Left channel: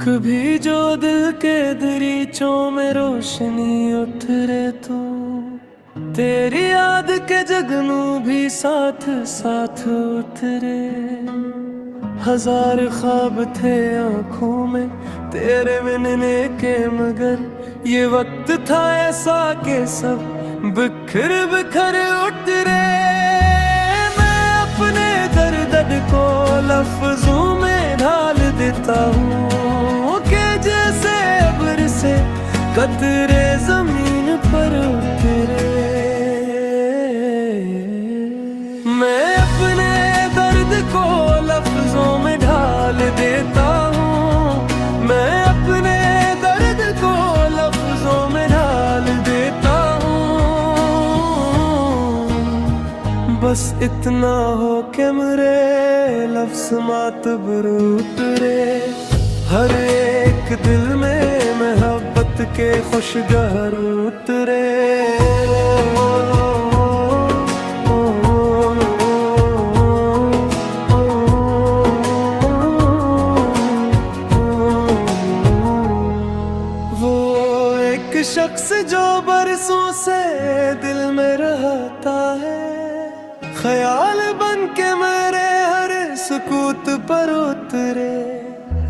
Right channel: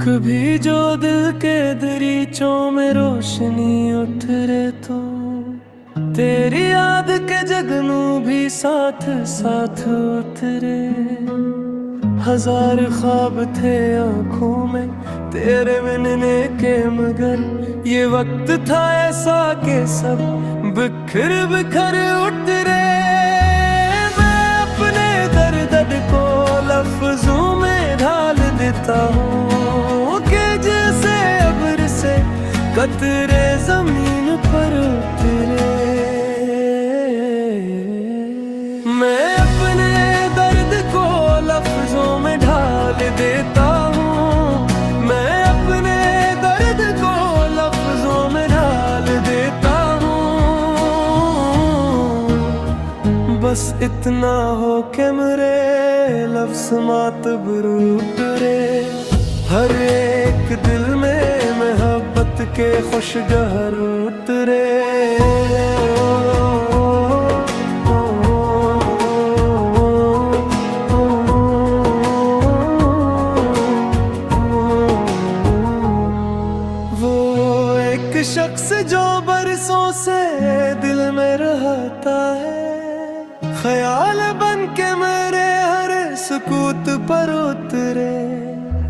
कभी जो दिल के दरीचों में रोशनी उतरे तो तेरी याद के जगनू भी साथ साथ उतरे। हजार ख्वाब थे आंखों में तेरे मिलने के, मगर ये वक्त था ऐसा कि सब बिखर बिखर उतरे। मैं अपने दर्द को लफ्जों में ढाल देता हूँ कि जैसे अब्र से कतरे जमीन पर उतरे। मैं अपने दर्द को लफ्जों में ढाल देता हूँ, मैं अपने दर्द को लफ्जों में ढाल देता हूँ। बस इतना हो कि मेरे लफ्ज मातबर उतरे। हर एक दिल में मोहब्बत के खुशगहर उतरे। वो एक शख्स जो बरसों से दिल में रहता है, ख्याल बन के मेरे हर सुकूत पर उतरे।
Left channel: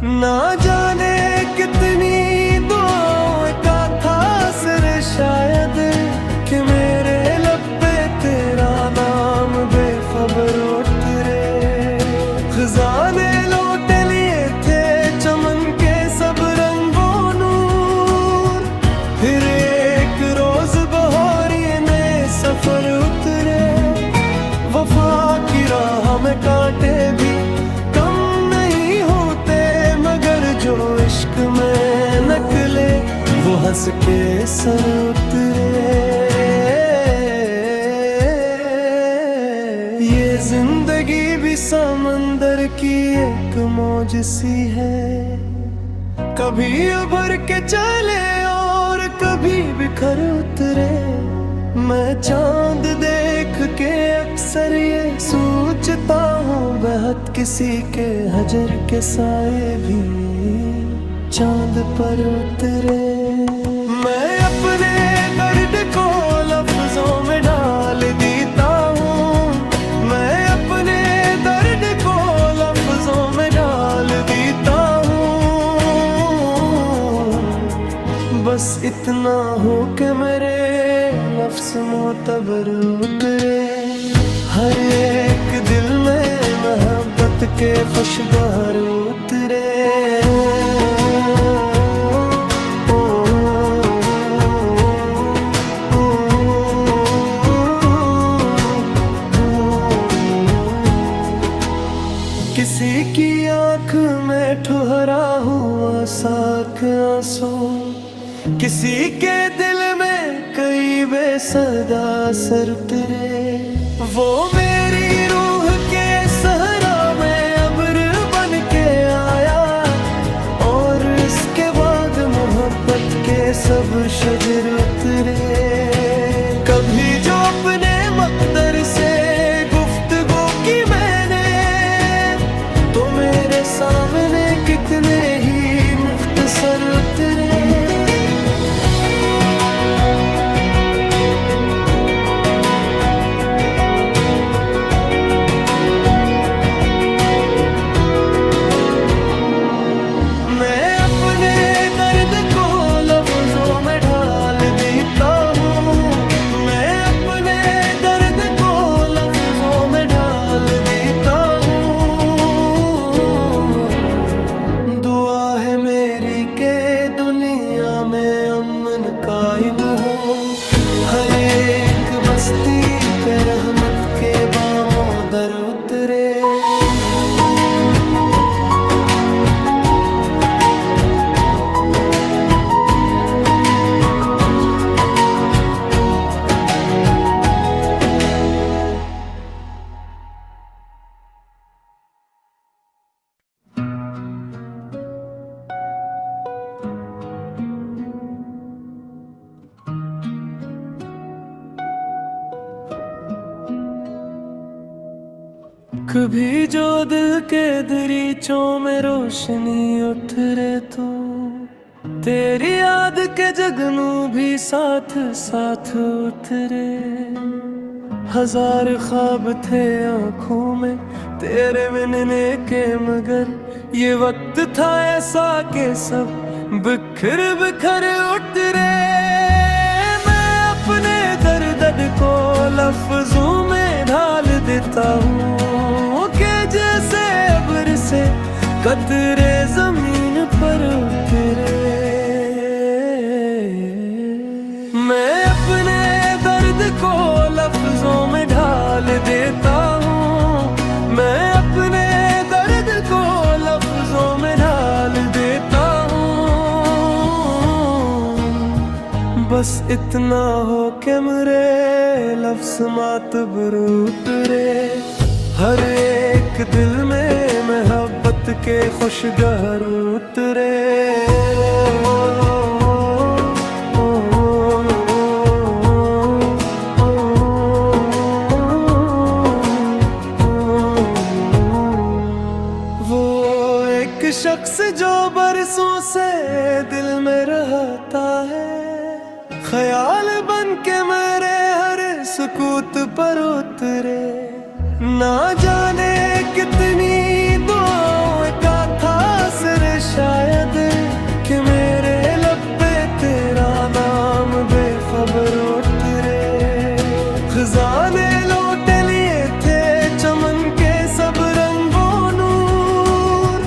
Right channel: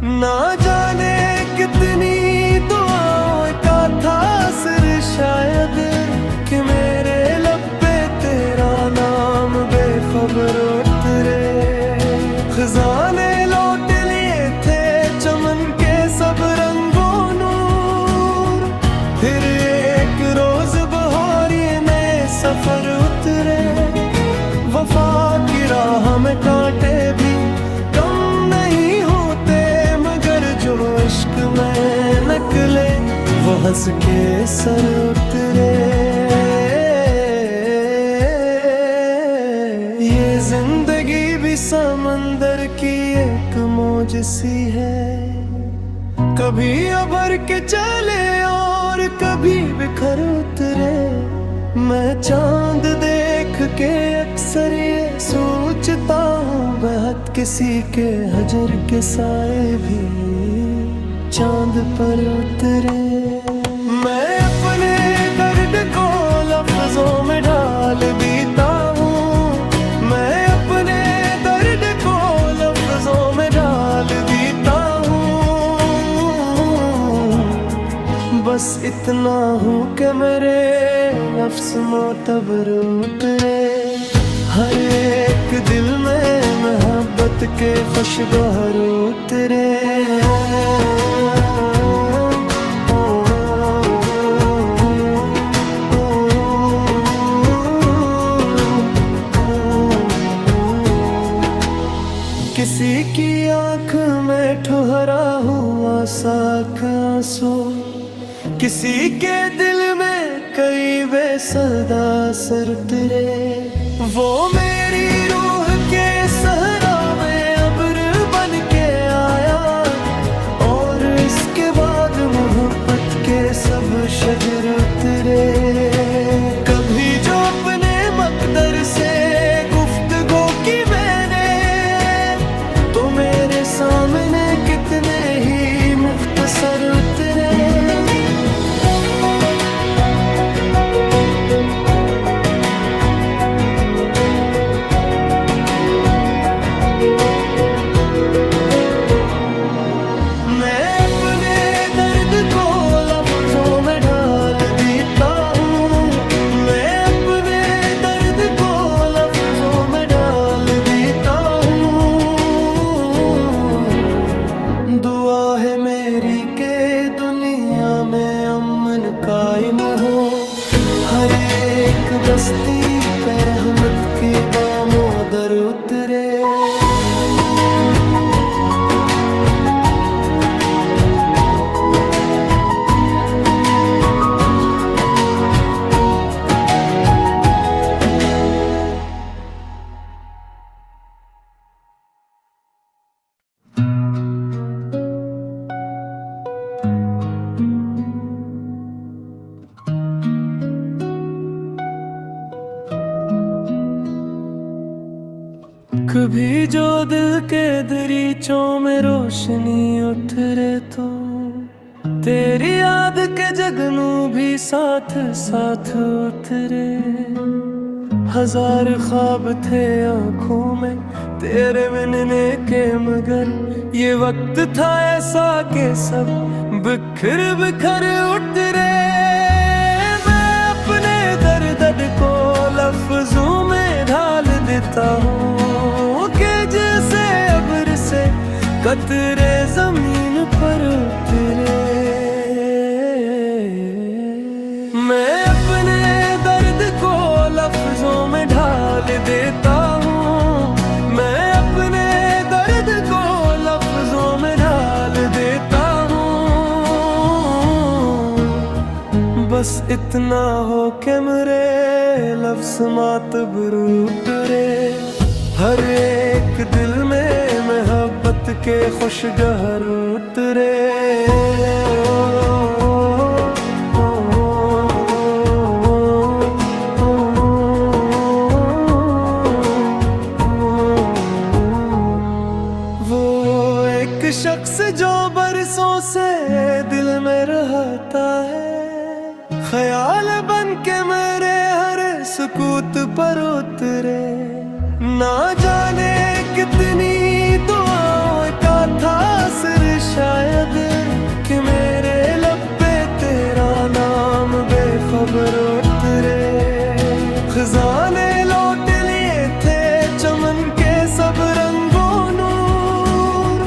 ना जाने कितनी दुआओं का था असर शायद कि मेरे लब पे तेरा नाम बेखबर उतरे। खजाने लौट लिए थे चमन के सब रंगों नूर, फिर एक रोज बहारी में सफर उतरे। वफा की राह में कांटे भी कम नहीं होते, मगर जो इश्क में निकले वो हंस के सर उतरे। ये जिंदगी भी समंदर की एक मौज सी है, कभी उभर के चले और कभी बिखर उतरे। मैं चांद देख के अक्सर ये सोचता हूँ, बेहद किसी के हजर के साए भी चांद पर उतरे। मैं अपने दर्द को लफ्जों में ढाल देता हूँ, मैं अपने दर्द को लफ्जों में ढाल देता हूँ। बस इतना हो कि मेरे लफ्ज मोतबर उतरे। हर एक दिल में मोहब्बत के खुशगवार उतरे। किसी की आंख में ठुहरा हुआ साख आंसू, किसी के दिल में कई बेसदा सर उतरे। वो मेरी रूह के सहरा में अब्र बन के आया, और इसके बाद मोहब्बत के सब शजर उतरे। कभी जो अपने मकदर से गुफ्तगू की मैंने, तो मेरे सामने कितने ही मुख्तसर उतरे। मैं अपने दर्द को लफ्जों में ढाल देता हूँ, मैं अपने दर्द को लफ्जों में ढाल देता हूँ। दुआ है मेरी के दुनिया में अमन कायम हो, हर एक बस्ती पे रहमत के बामों दर उतरे। कभी जो दिल के दरीचों में रोशनी उतरे तो तेरी याद के जगनू भी साथ साथ उतरे। हजार ख्वाब थे आँखों में तेरे मिलने के, मगर ये वक्त था ऐसा कि सब बिखर बिखर उतरे। मैं अपने दर्द को लफ्जों में ढाल देता हूँ कि जैसे अब्र से कतरे जमीन पर उतरे। मैं अपने दर्द को लफ्जों में ढाल देता हूँ, मैं अपने दर्द को लफ्जों में ढाल देता हूँ। बस इतना हो कि मेरे लफ्ज मातबर उतरे। हर एक दिल में मोहब्बत के खुशगहर उतरे। वो एक शख्स जो बरसों से दिल में रहता है, ख्याल बन के मेरे हर सुकूत पर उतरे। ना जाने कितनी दुआओं का था असर शायद कि मेरे लब पे तेरा नाम बेखबर उतरे। खजाने लौट लिए थे चमन के सब रंगों नूर,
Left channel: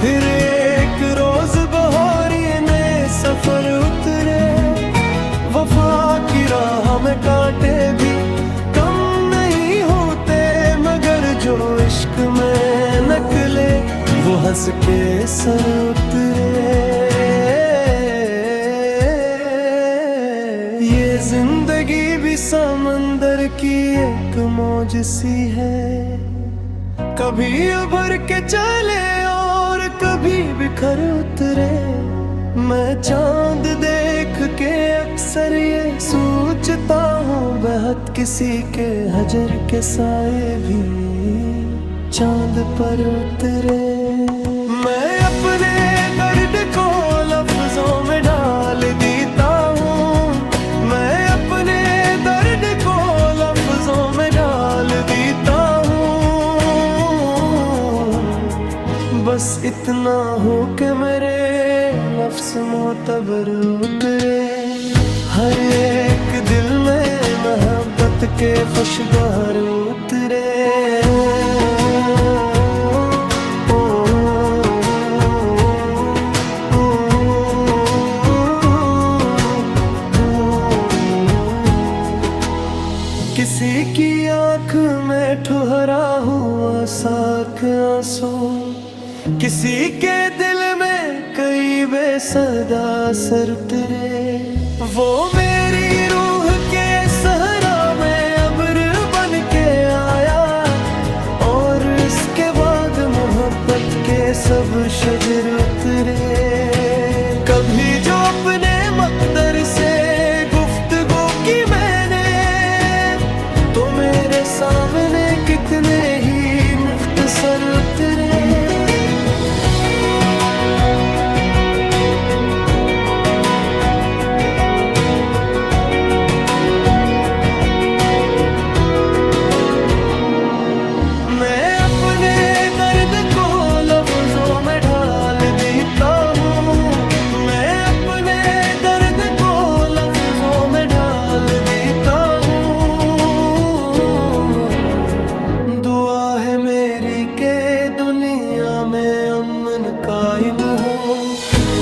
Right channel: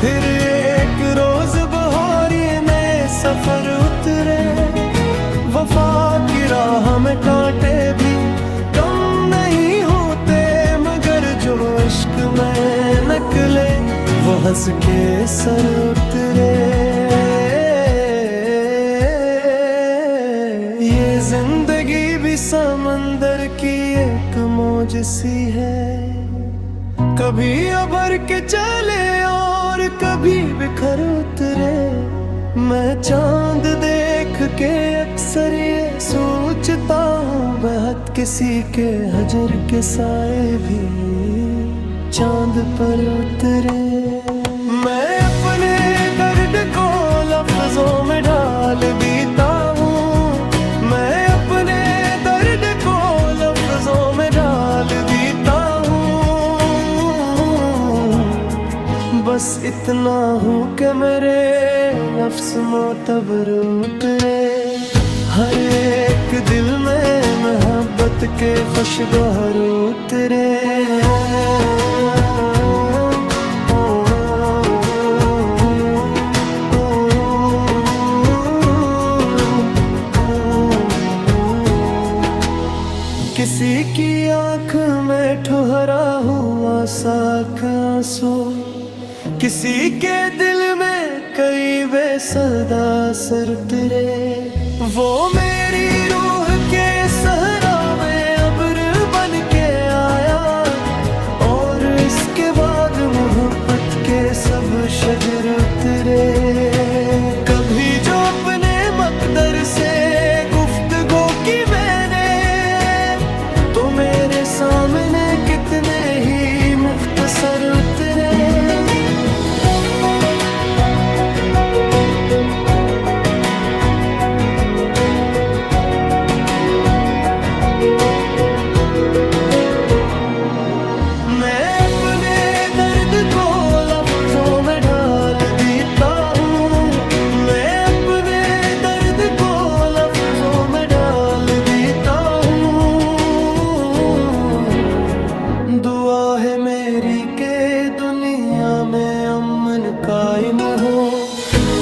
फिर एक रोज बहारिए नए सफर उतरे। वफा की राह में कांटे भी कम नहीं होते, मगर जो इश्क में निकले वो हंस के सर उतरे। ये जिंदगी भी समंदर की एक मौज सी है, कभी उभर के चले और कभी बिखर उतरे। मैं चांद देख के अक्सर ये सोचता हूँ, बेहद किसी के हजर के साए भी चांद पर उतरे। मैं अपने दर्द को लफ्जों में ढाल देता हूँ, मैं अपने दर्द को लफ्जों में ढाल देता हूँ। बस इतना हो कि मेरे लफ्ज मोतबर उतरे। हर एक दिल में मोहब्बत के खुशगवार उतरे। किसी की आँख में ठुहरा हुआ साख आंसू, किसी के दिल में कई बेसदा सर उतरे। वो मेरी रूह के सहरा में अब्र बन के आया, और इसके बाद मोहब्बत के सब शजर उतरे। कभी जो अपने मकदर से गुफ्तगू की मैंने, तो मेरे सामने कितने ही मुख्तसर उतरे। मैं अपने दर्द को लफ्जों में ढाल देता हूँ, मैं अपने दर्द को लफ्जों में ढाल देता हूँ। दुआ है मेरी के दुनिया में अमन कायम हो,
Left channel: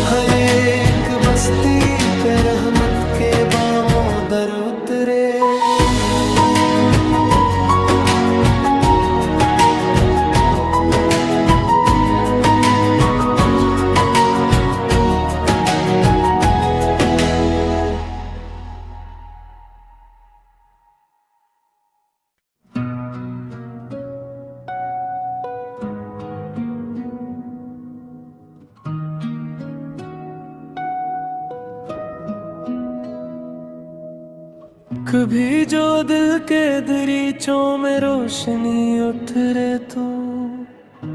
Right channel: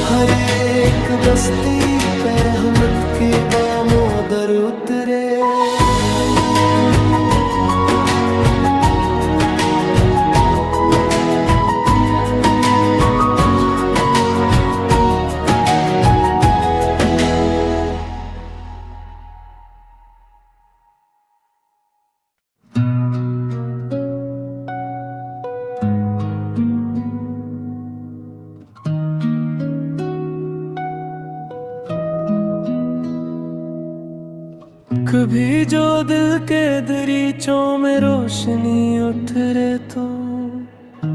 हर एक बस्ती पे रहमत के बामों दर उतरे। कभी जो दिल के दरीचों में रोशनी उतरे तो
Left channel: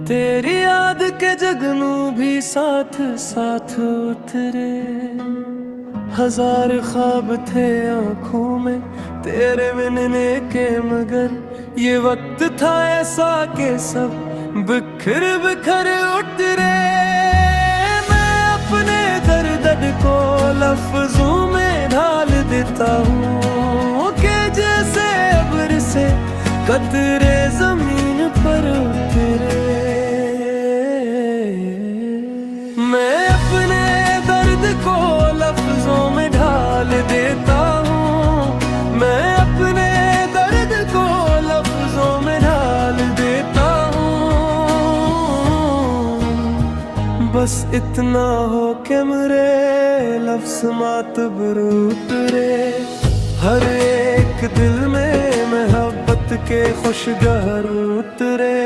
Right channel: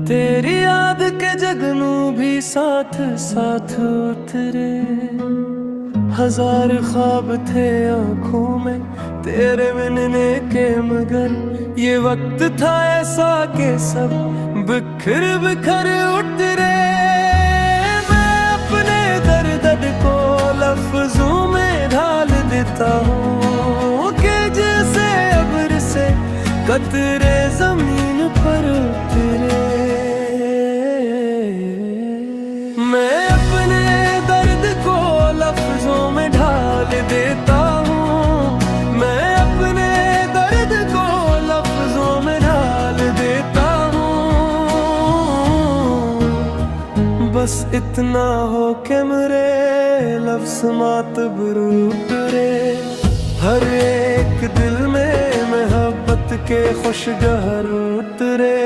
तेरी याद के जगनू भी साथ साथ उतरे। हजार ख्वाब थे आँखों में तेरे मिलने के, मगर ये वक्त था ऐसा कि सब बिखर बिखर उतरे। मैं अपने दर्द को लफ्जों में ढाल देता हूँ कि जैसे अब्र से कतरे जमीन पर उतरे। मैं अपने दर्द को लफ्जों में ढाल देता हूँ, मैं अपने दर्द को लफ्जों में ढाल देता हूँ। बस इतना हो कि मेरे लफ्ज मातबर उतरे। हर एक दिल में मोहब्बत के खुशगहर उतरे।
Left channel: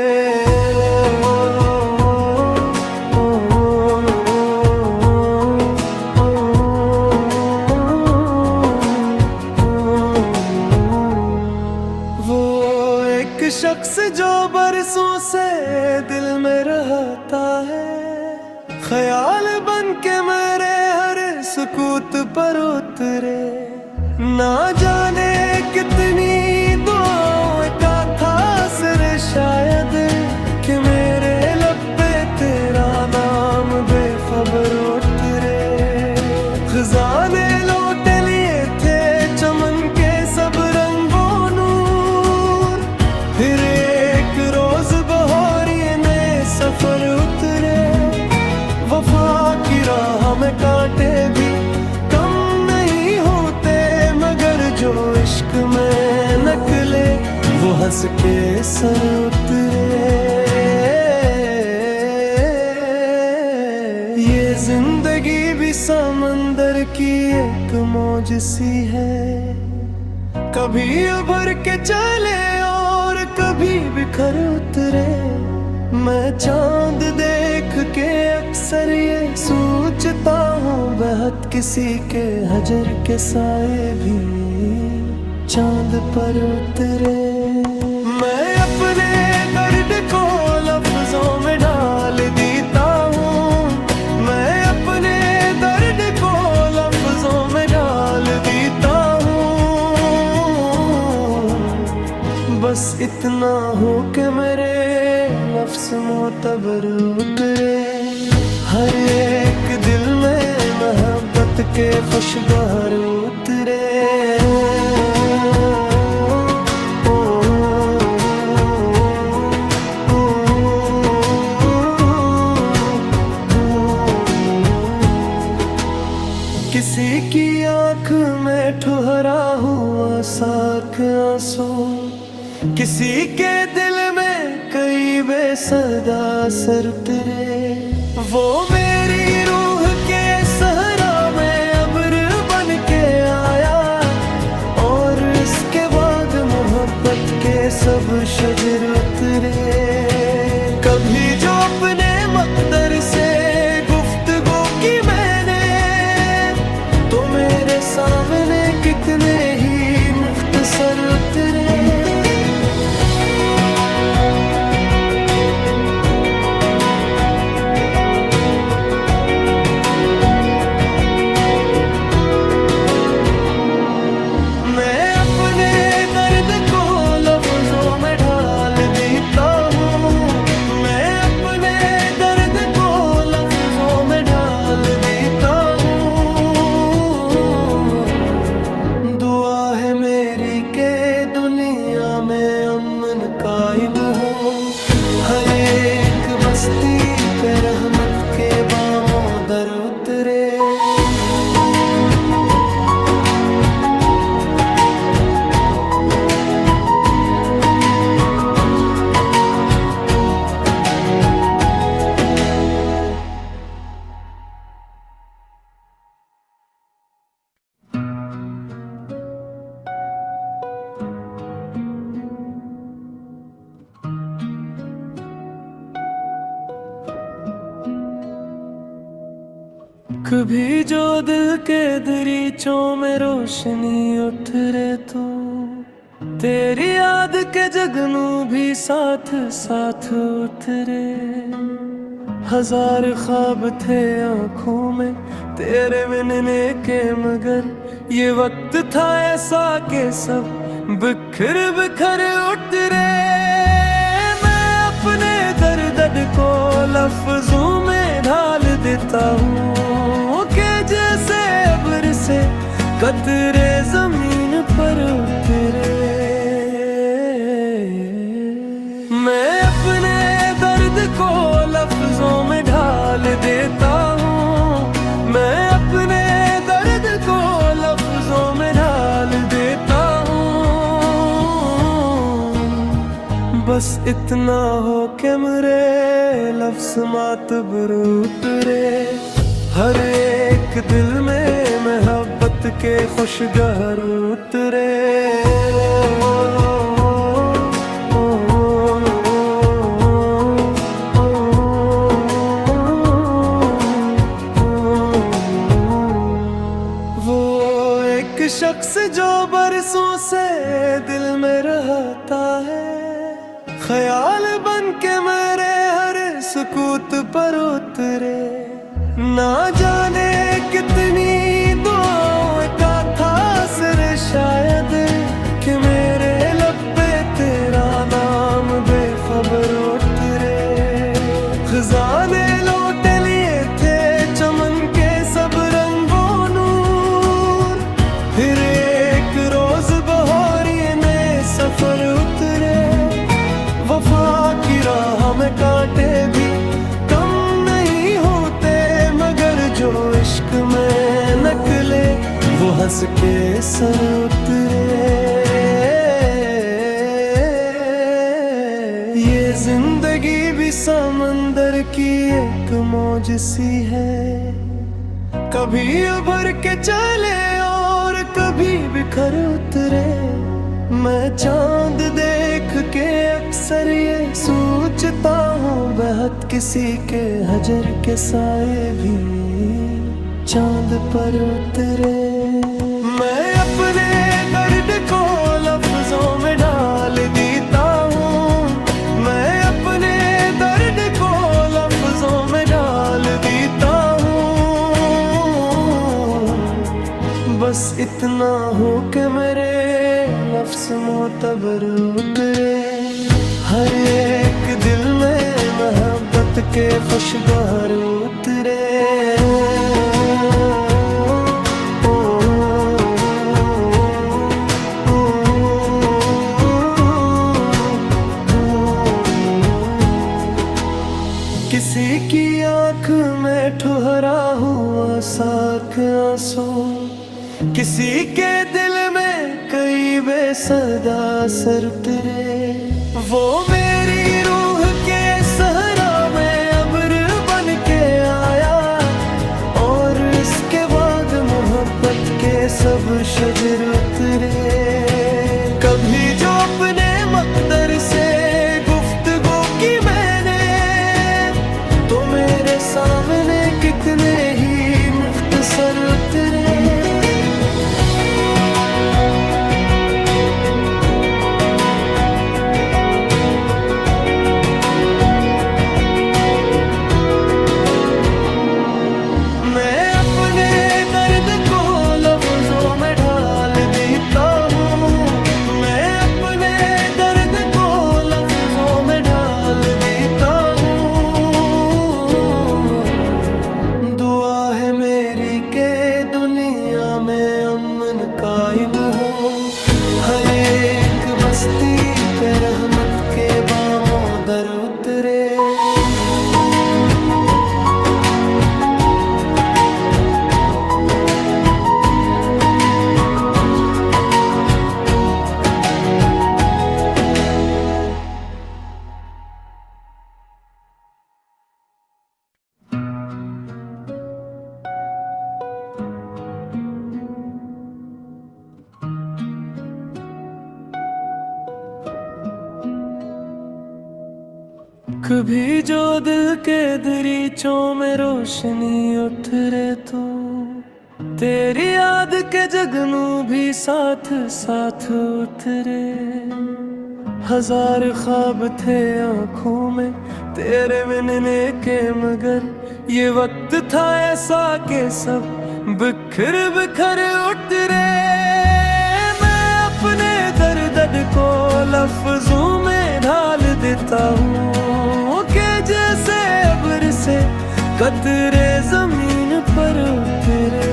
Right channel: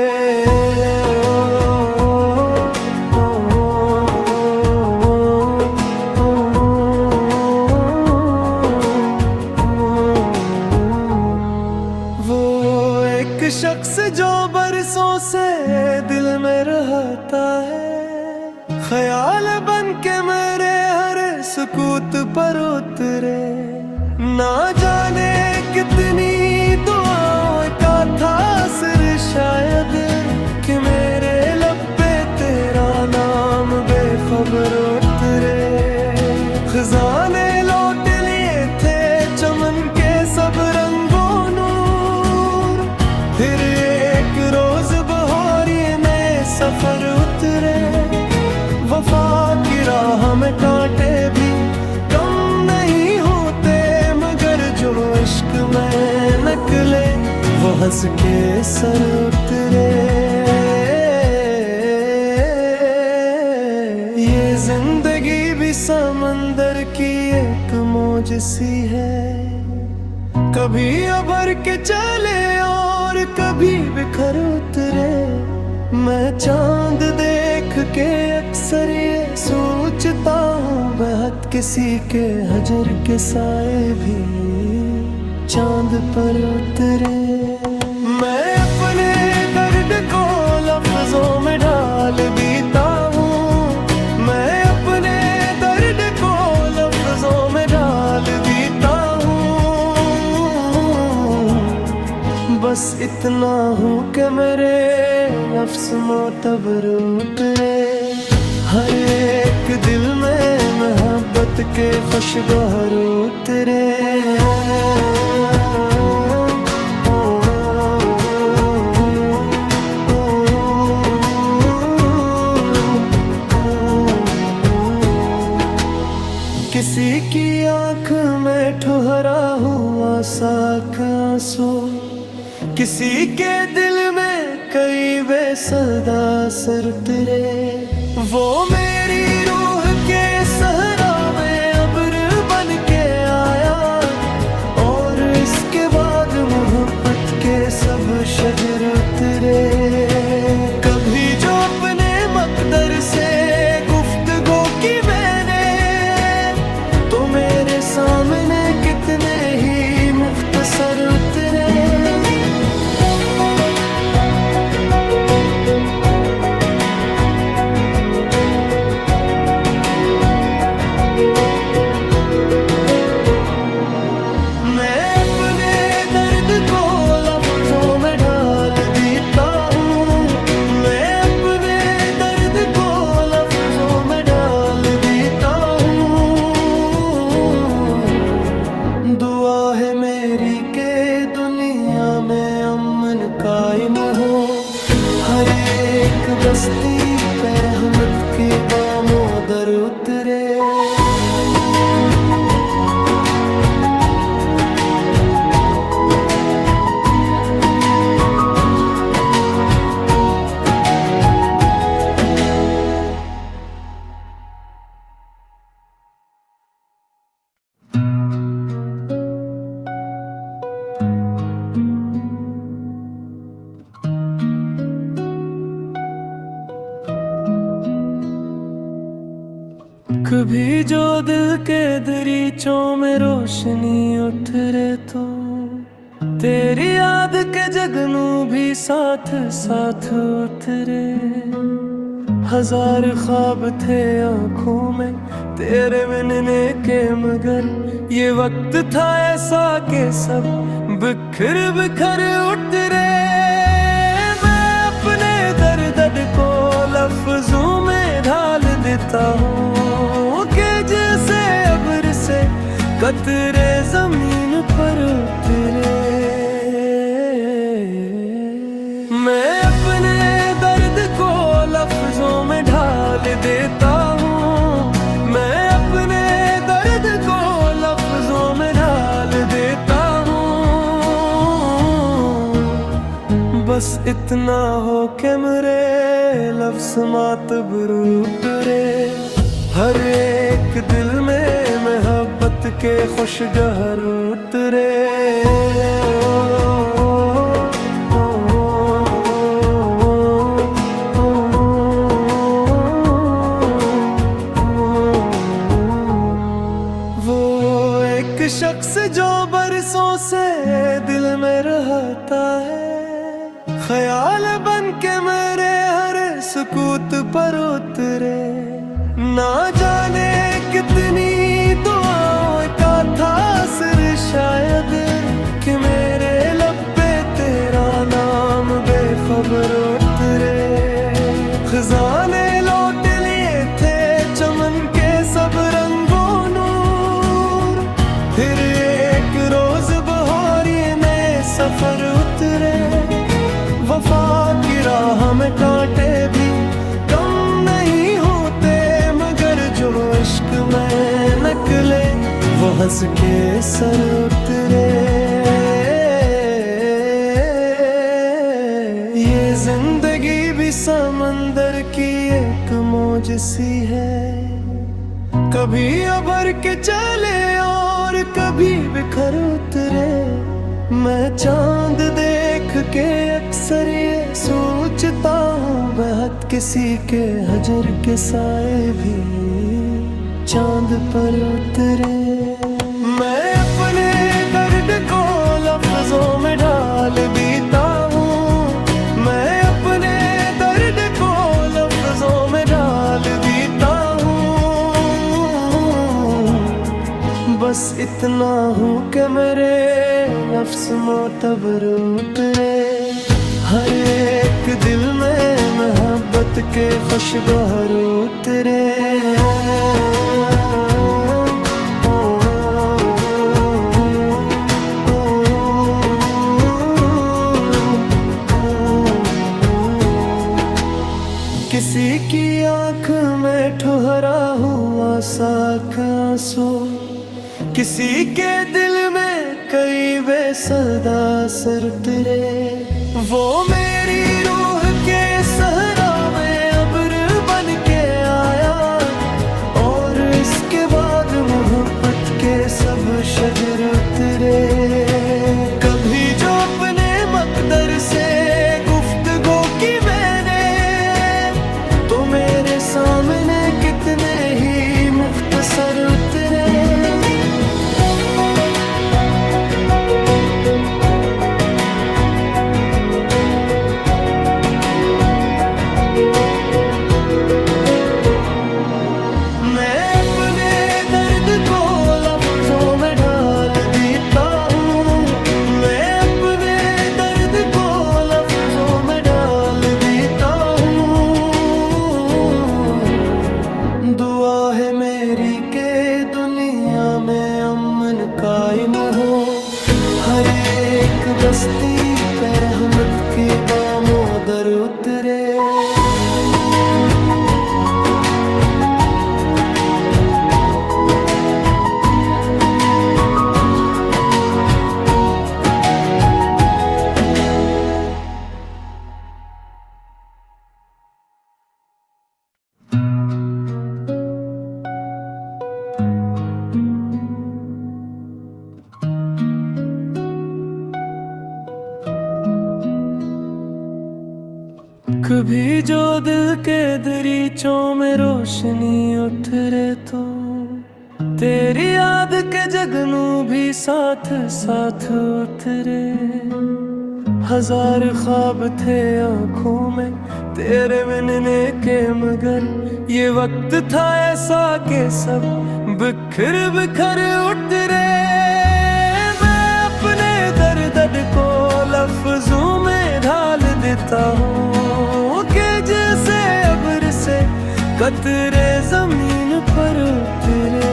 वो एक शख्स जो बरसों से दिल में रहता है, ख्याल बन के मेरे हर सुकूत पर उतरे। ना जाने कितनी दुआओं का था असर शायद कि मेरे लब पे तेरा नाम बेखबर उतरे। खजाने लौट लिए थे चमन के सब रंगों नूर, फिर एक रोज बहारिए नए सफर उतरे। वफा की राह में कांटे भी कम नहीं होते, मगर जो इश्क में निकले वो हंस के सर उतरे। ये जिंदगी भी समंदर की एक मौज सी है, कभी उभर के चले और कभी बिखर उतरे। मैं चांद देख के अक्सर ये सोचता हूँ, बेहद किसी के हजर के साए भी चांद पर उतरे। मैं अपने दर्द को लफ्जों में डाल देता हूँ, मैं अपने दर्द को लफ्जों में डाल देता हूँ। बस इतना हो कि मेरे लफ्ज मोतबर उतरे। हर एक दिल में मोहब्बत के खुशगवार उतरे। किसी की आँख में ठुहरा हुआ साख आंसू, किसी के दिल में कई बेसदा सर उतरे। वो मेरी रूह के सहरा में अब्र बन के आया, और इसके बाद मोहब्बत के सब शजर उतरे। कभी जो अपने मकदर से गुफ्तगू की मैंने, तो मेरे सामने कितने ही मुख्तसर उतरे। मैं अपने दर्द को लफ्जों में ढाल देता हूँ, मैं अपने दर्द को लफ्जों में ढाल देता हूँ। दुआ है मेरी के दुनिया में अमन कायम हो, हर एक बस्ती पे रहमत के बामों दर उतरे। कभी जो दिल के दरीचों में रोशनी उतरे तो तेरी याद के जगनू भी साथ साथ उतरे। हजार ख्वाब थे आँखों में तेरे मिलने के, मगर ये वक्त था ऐसा कि सब बिखर बिखर उतरे। मैं अपने दर्द को लफ्जों में ढाल देता हूँ कि जैसे अब्र से कतरे जमीन पर उतरे। मैं अपने दर्द को लफ्जों में ढाल देता हूँ, मैं अपने दर्द को लफ्जों में ढाल देता हूँ। बस इतना हो कि मेरे लफ्ज मातबर उतरे। हर एक दिल में मोहब्बत के खुशगहर उतरे। वो एक शख्स जो बरसों से दिल में रहता है, ख्याल बन के मेरे हर सुकूत पर उतरे। ना जाने कितनी दुआओं का था असर शायद कि मेरे लब पे तेरा नाम बेखबर उतरे। खजाने लौट लिए थे चमन के सब रंगों नूर, फिर एक रोज बहारी में सफर उतरे। वफा की राह में कांटे भी कम नहीं होते, मगर जो इश्क में निकले वो हंस के सर उतरे। ये जिंदगी भी समंदर की एक मौज सी है, कभी उभर के चले और कभी बिखर उतरे। मैं चांद देख के अक्सर ये सोचता हूँ, बेहद किसी के हजर के साए भी चांद पर उतरे। मैं अपने दर्द को लफ्जों में ढाल देता हूँ, मैं अपने दर्द को लफ्जों में ढाल देता हूँ। बस इतना हो कि मेरे लफ्ज मोतबर उतरे। हर एक दिल में मोहब्बत के खुशगवार उतरे। किसी की आँख में ठुहरा हुआ साख आंसू, किसी के दिल में कई बेसदा सर उतरे। वो मेरी रूह के सहरा में अब्र बन के आया, और इसके बाद मोहब्बत के सब शजर उतरे। कभी जो अपने मकदर से गुफ्तगू की मैंने, तो मेरे सामने कितने ही मुख्तसर उतरे। मैं अपने दर्द को लफ्जों में ढाल देता हूँ, मैं अपने दर्द को लफ्जों में ढाल देता हूँ। दुआ है मेरी के दुनिया में अमन कायम हो, हर एक बस्ती पे रहमत के बामों दर उतरे। कभी जो दिल के दरीचों में रोशनी उतरे तो तेरी याद के जगनू भी साथ साथ उतरे। हजार ख्वाब थे आँखों में तेरे मिलने के, मगर ये वक्त था ऐसा कि सब बिखर बिखर उतरे। मैं अपने दर्द को लफ्जों में ढाल देता हूँ कि जैसे अब्र से कतरे जमीन पर उतरे।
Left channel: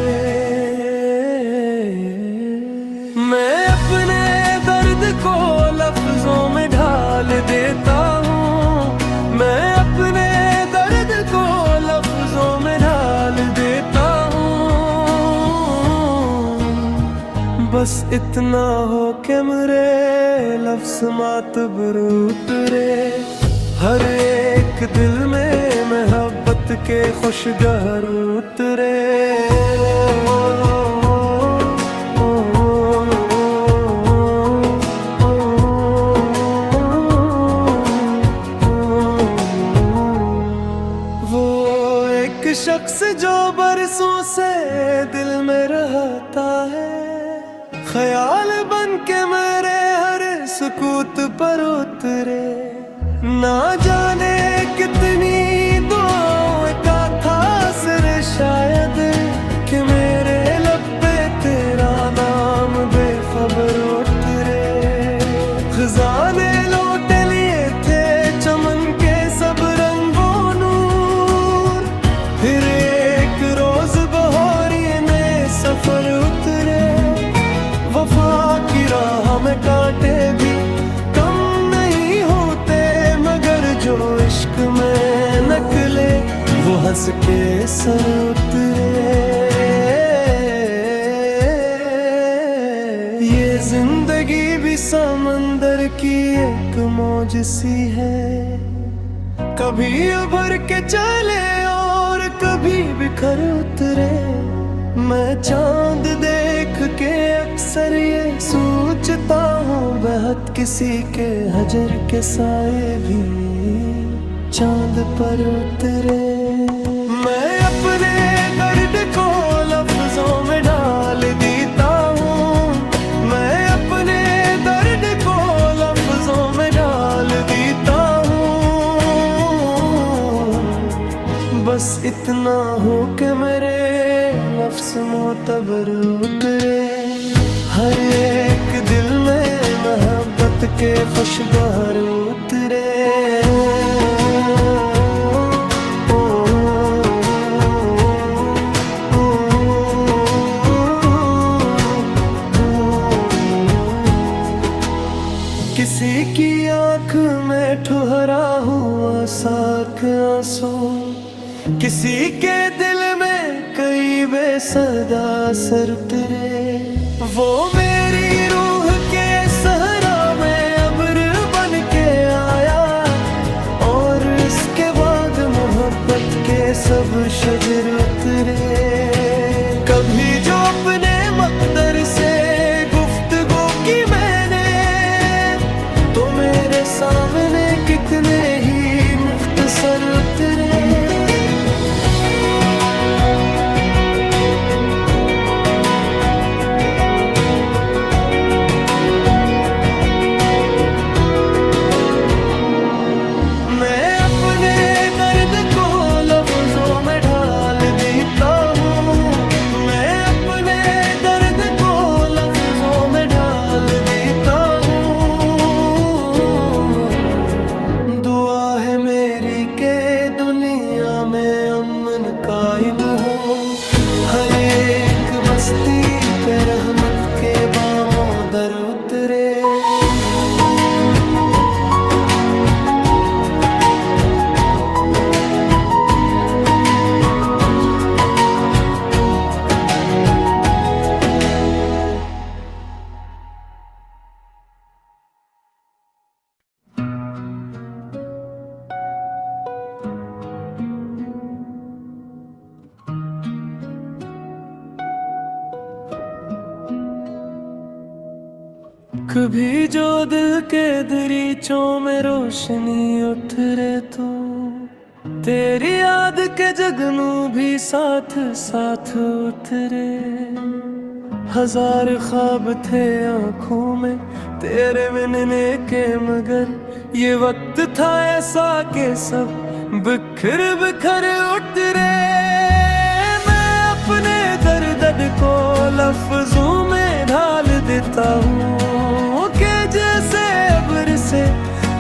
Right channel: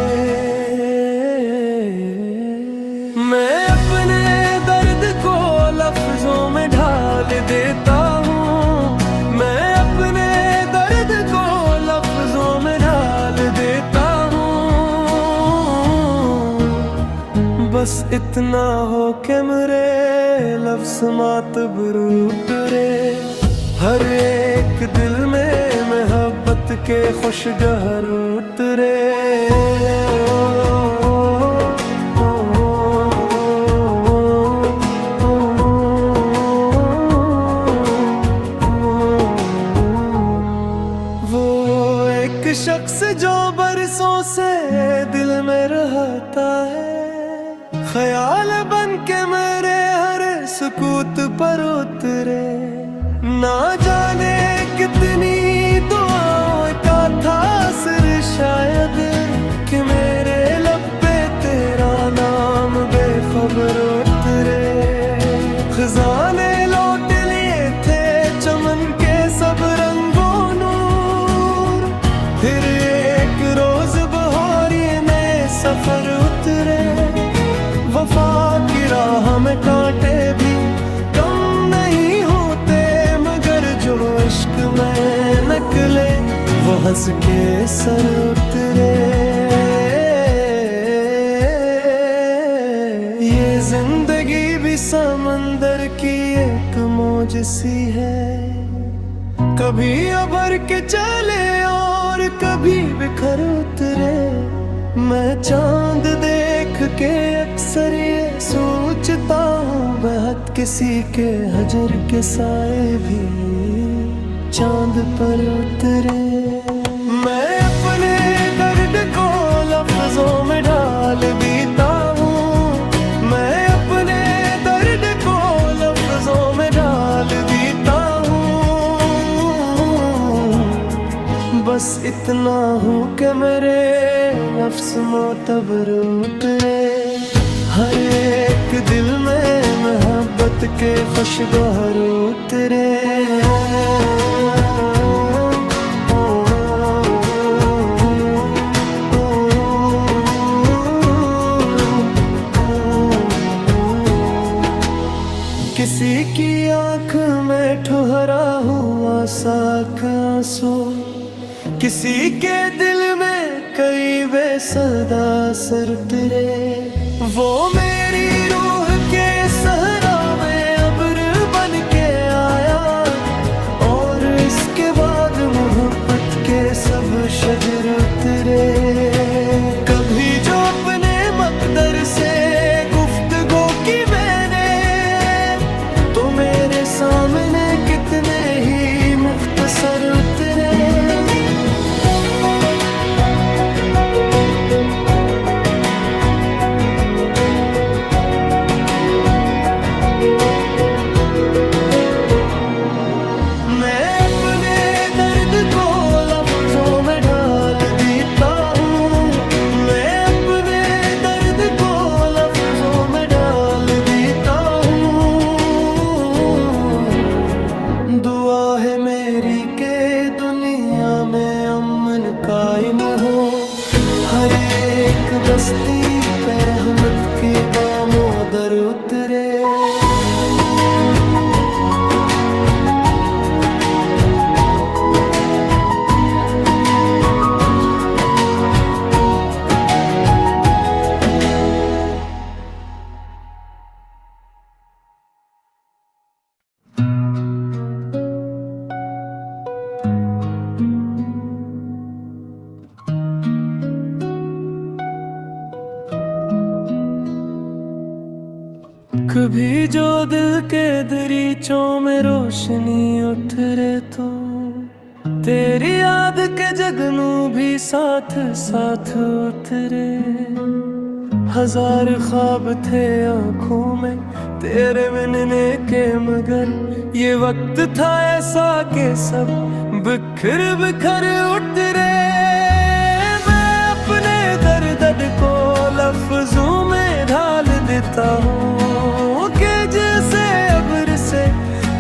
मैं अपने दर्द को लफ्जों में ढाल देता हूँ, मैं अपने दर्द को लफ्जों में ढाल देता हूँ। बस इतना हो कि मेरे लफ्ज मातबर उतरे। हर एक दिल में मोहब्बत के खुशगहर उतरे। वो एक शख्स जो बरसों से दिल में रहता है, ख्याल बन के मेरे हर सुकूत पर उतरे। ना जाने कितनी दुआओं का था असर शायद कि मेरे लब पे तेरा नाम बेखबर उतरे। खजाने लौट लिए थे चमन के सब रंगों नूर, फिर एक रोज बहारी में सफर उतरे। वफा की राह में कांटे भी कम नहीं होते, मगर जो इश्क में निकले वो हंस के सर उतरे। ये जिंदगी भी समंदर की एक मौज सी है, कभी उभर के चले और कभी बिखर उतरे। मैं चांद देख के अक्सर ये सोचता हूँ, बेहद किसी के हजर के साए भी चांद पर उतरे। मैं अपने दर्द को लफ्जों में ढाल देता हूँ, मैं अपने दर्द को लफ्जों में ढाल देता हूँ। बस इतना हो कि मेरे लफ्ज मोतबर उतरे। हर एक दिल में मोहब्बत के खुशगवार उतरे। किसी की आँख में ठुहरा हुआ साक आंसू, किसी के दिल में कई बेसदा सर उतरे। वो मेरी रूह के सहरा में अब्र बन के आया, और इसके बाद मोहब्बत के सब शजर उतरे। कभी जो अपने मकदर से गुफ्तगू की मैंने, तो मेरे सामने कितने ही मुख्तसर उतरे। मैं अपने दर्द को लफ्जों में ढाल देता हूँ, मैं अपने दर्द को लफ्जों में ढाल देता हूँ। दुआ है मेरी के दुनिया में अमन कायम हो, हर एक बस्ती पे रहमत के बामों दर उतरे। कभी जो दिल के दरीचों में रोशनी उठ रे तो तेरी याद के जगनू भी साथ साथ उतरे। हजार ख्वाब थे आँखों में तेरे मिलने के, मगर ये वक्त था ऐसा कि सब बिखर बिखर उतरे। मैं अपने दर्द को लफ्जों में ढाल देता हूँ कि जैसे अब्र से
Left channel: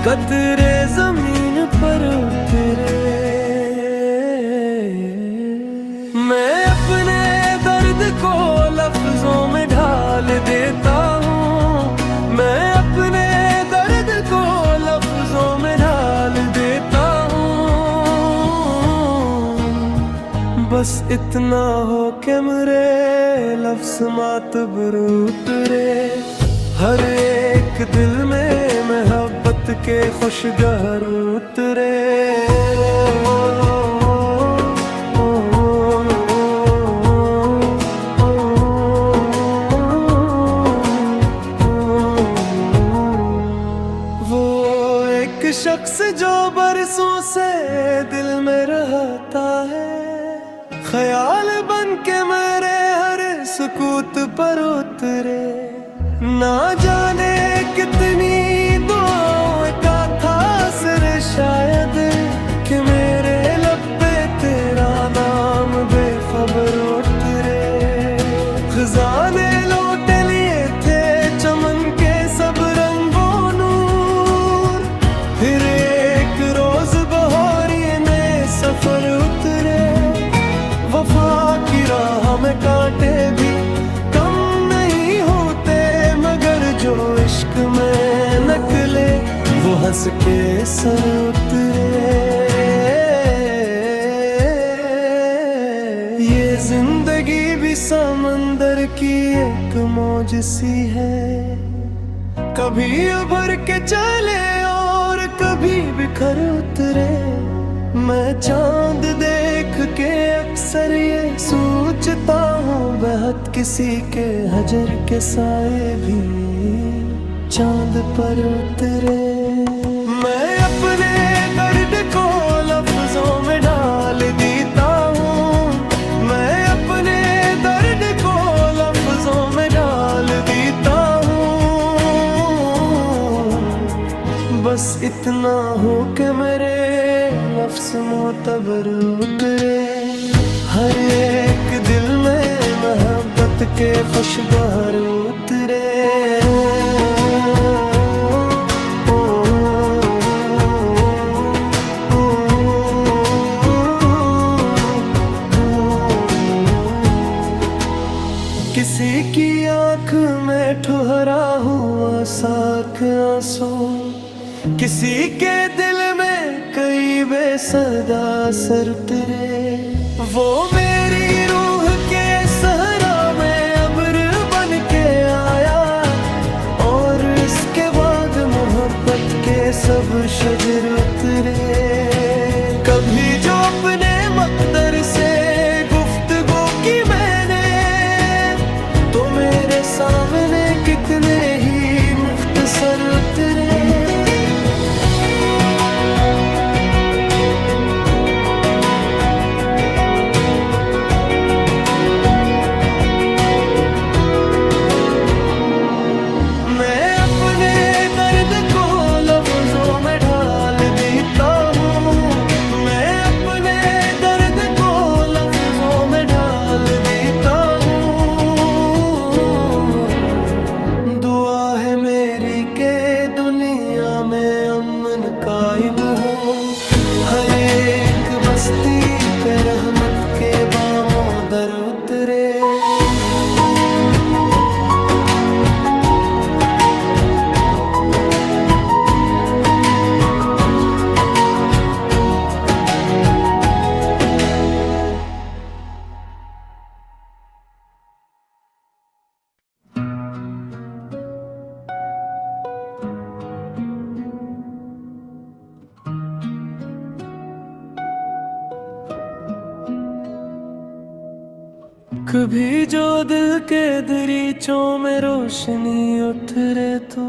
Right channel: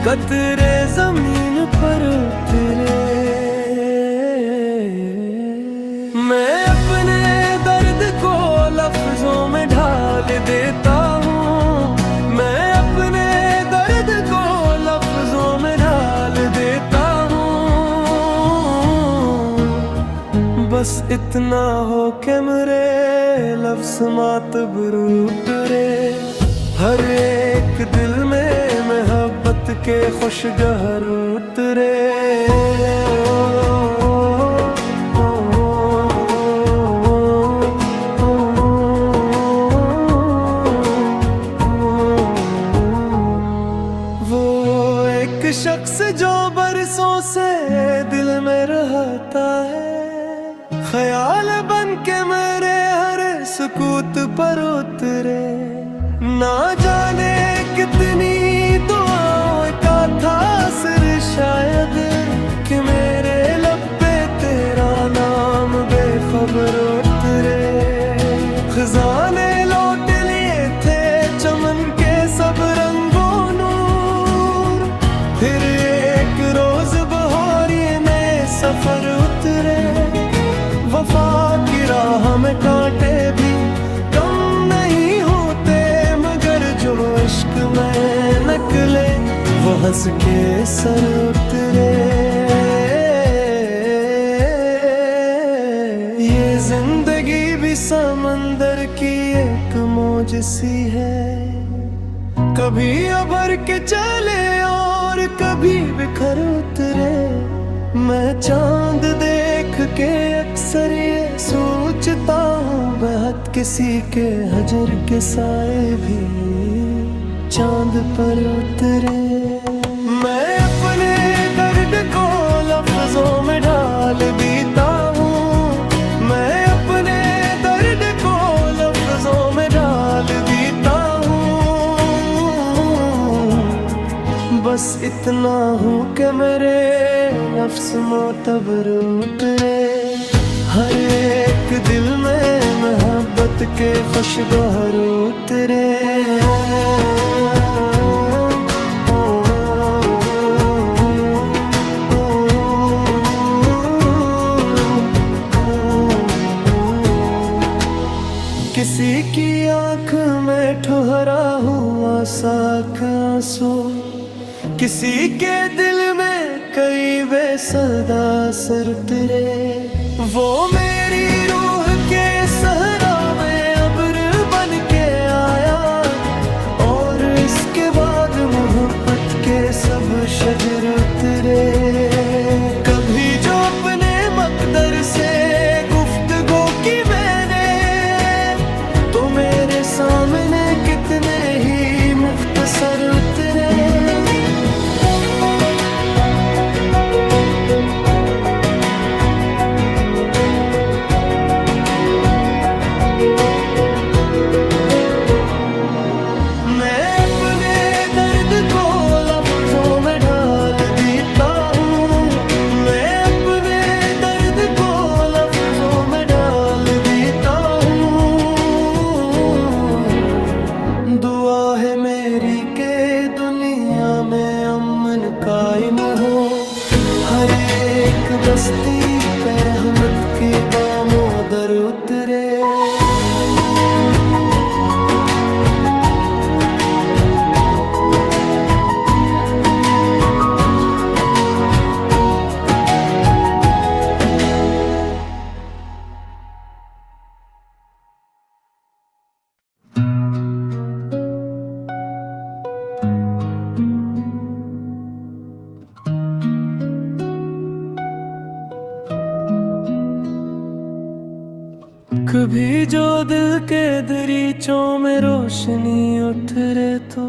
कतरे जमीन पर उतरे। मैं अपने दर्द को लफ्जों में ढाल देता हूँ, मैं अपने दर्द को लफ्जों में ढाल देता हूँ। बस इतना हो कि मेरे लफ्ज मातबर उतरे। हर एक दिल में मोहब्बत के खुशगहर उतरे। वो एक शख्स जो बरसों से दिल में रहता है, ख्याल बन के मेरे हर सुकूत पर उतरे। ना जाने कितनी दुआओं का था असर शायद कि मेरे लब पे तेरा नाम बेखबर उतरे। खजाने लौट लिए थे चमन के सब रंगों नूर, फिर एक रोज बहारी में सफर उतरे। वफा की राह में कांटे भी कम नहीं होते, मगर जो इश्क में निकले वो हंस के सर उतरे। ये जिंदगी भी समंदर की एक मौज सी है, कभी उभर के चले और कभी बिखर उतरे। मैं चांद देख के अक्सर ये सोचता हूँ, बेहद किसी के हजर के साए भी चांद पर उतरे। मैं अपने दर्द को लफ्जों में डाल देता हूँ, मैं अपने दर्द को लफ्जों में डाल देता हूँ। बस इतना हो कि मेरे लफ्ज मोतबर उतरे। हर एक दिल में मोहब्बत के खुशगवार उतरे। किसी की आँख में ठुहरा हुआ साख आंसू, किसी के दिल में कई बेसदा सर उतरे। वो मेरी रूह के सहरा में अब्र बन के आया, और इसके बाद मोहब्बत के सब शजर उतरे। कभी जो अपने मकदर से गुफ्तगू की मैंने, तो मेरे सामने कितने ही मुख्तसर उतरे। मैं अपने दर्द को लफ्जों में ढाल देता हूँ, मैं अपने दर्द को लफ्जों में ढाल देता हूँ। दुआ है मेरी के दुनिया में अमन कायम हो, हर एक बस्ती पे रहमत के बामों दर उतरे। कभी जो दिल के दरीचों में रोशनी उठ रे तो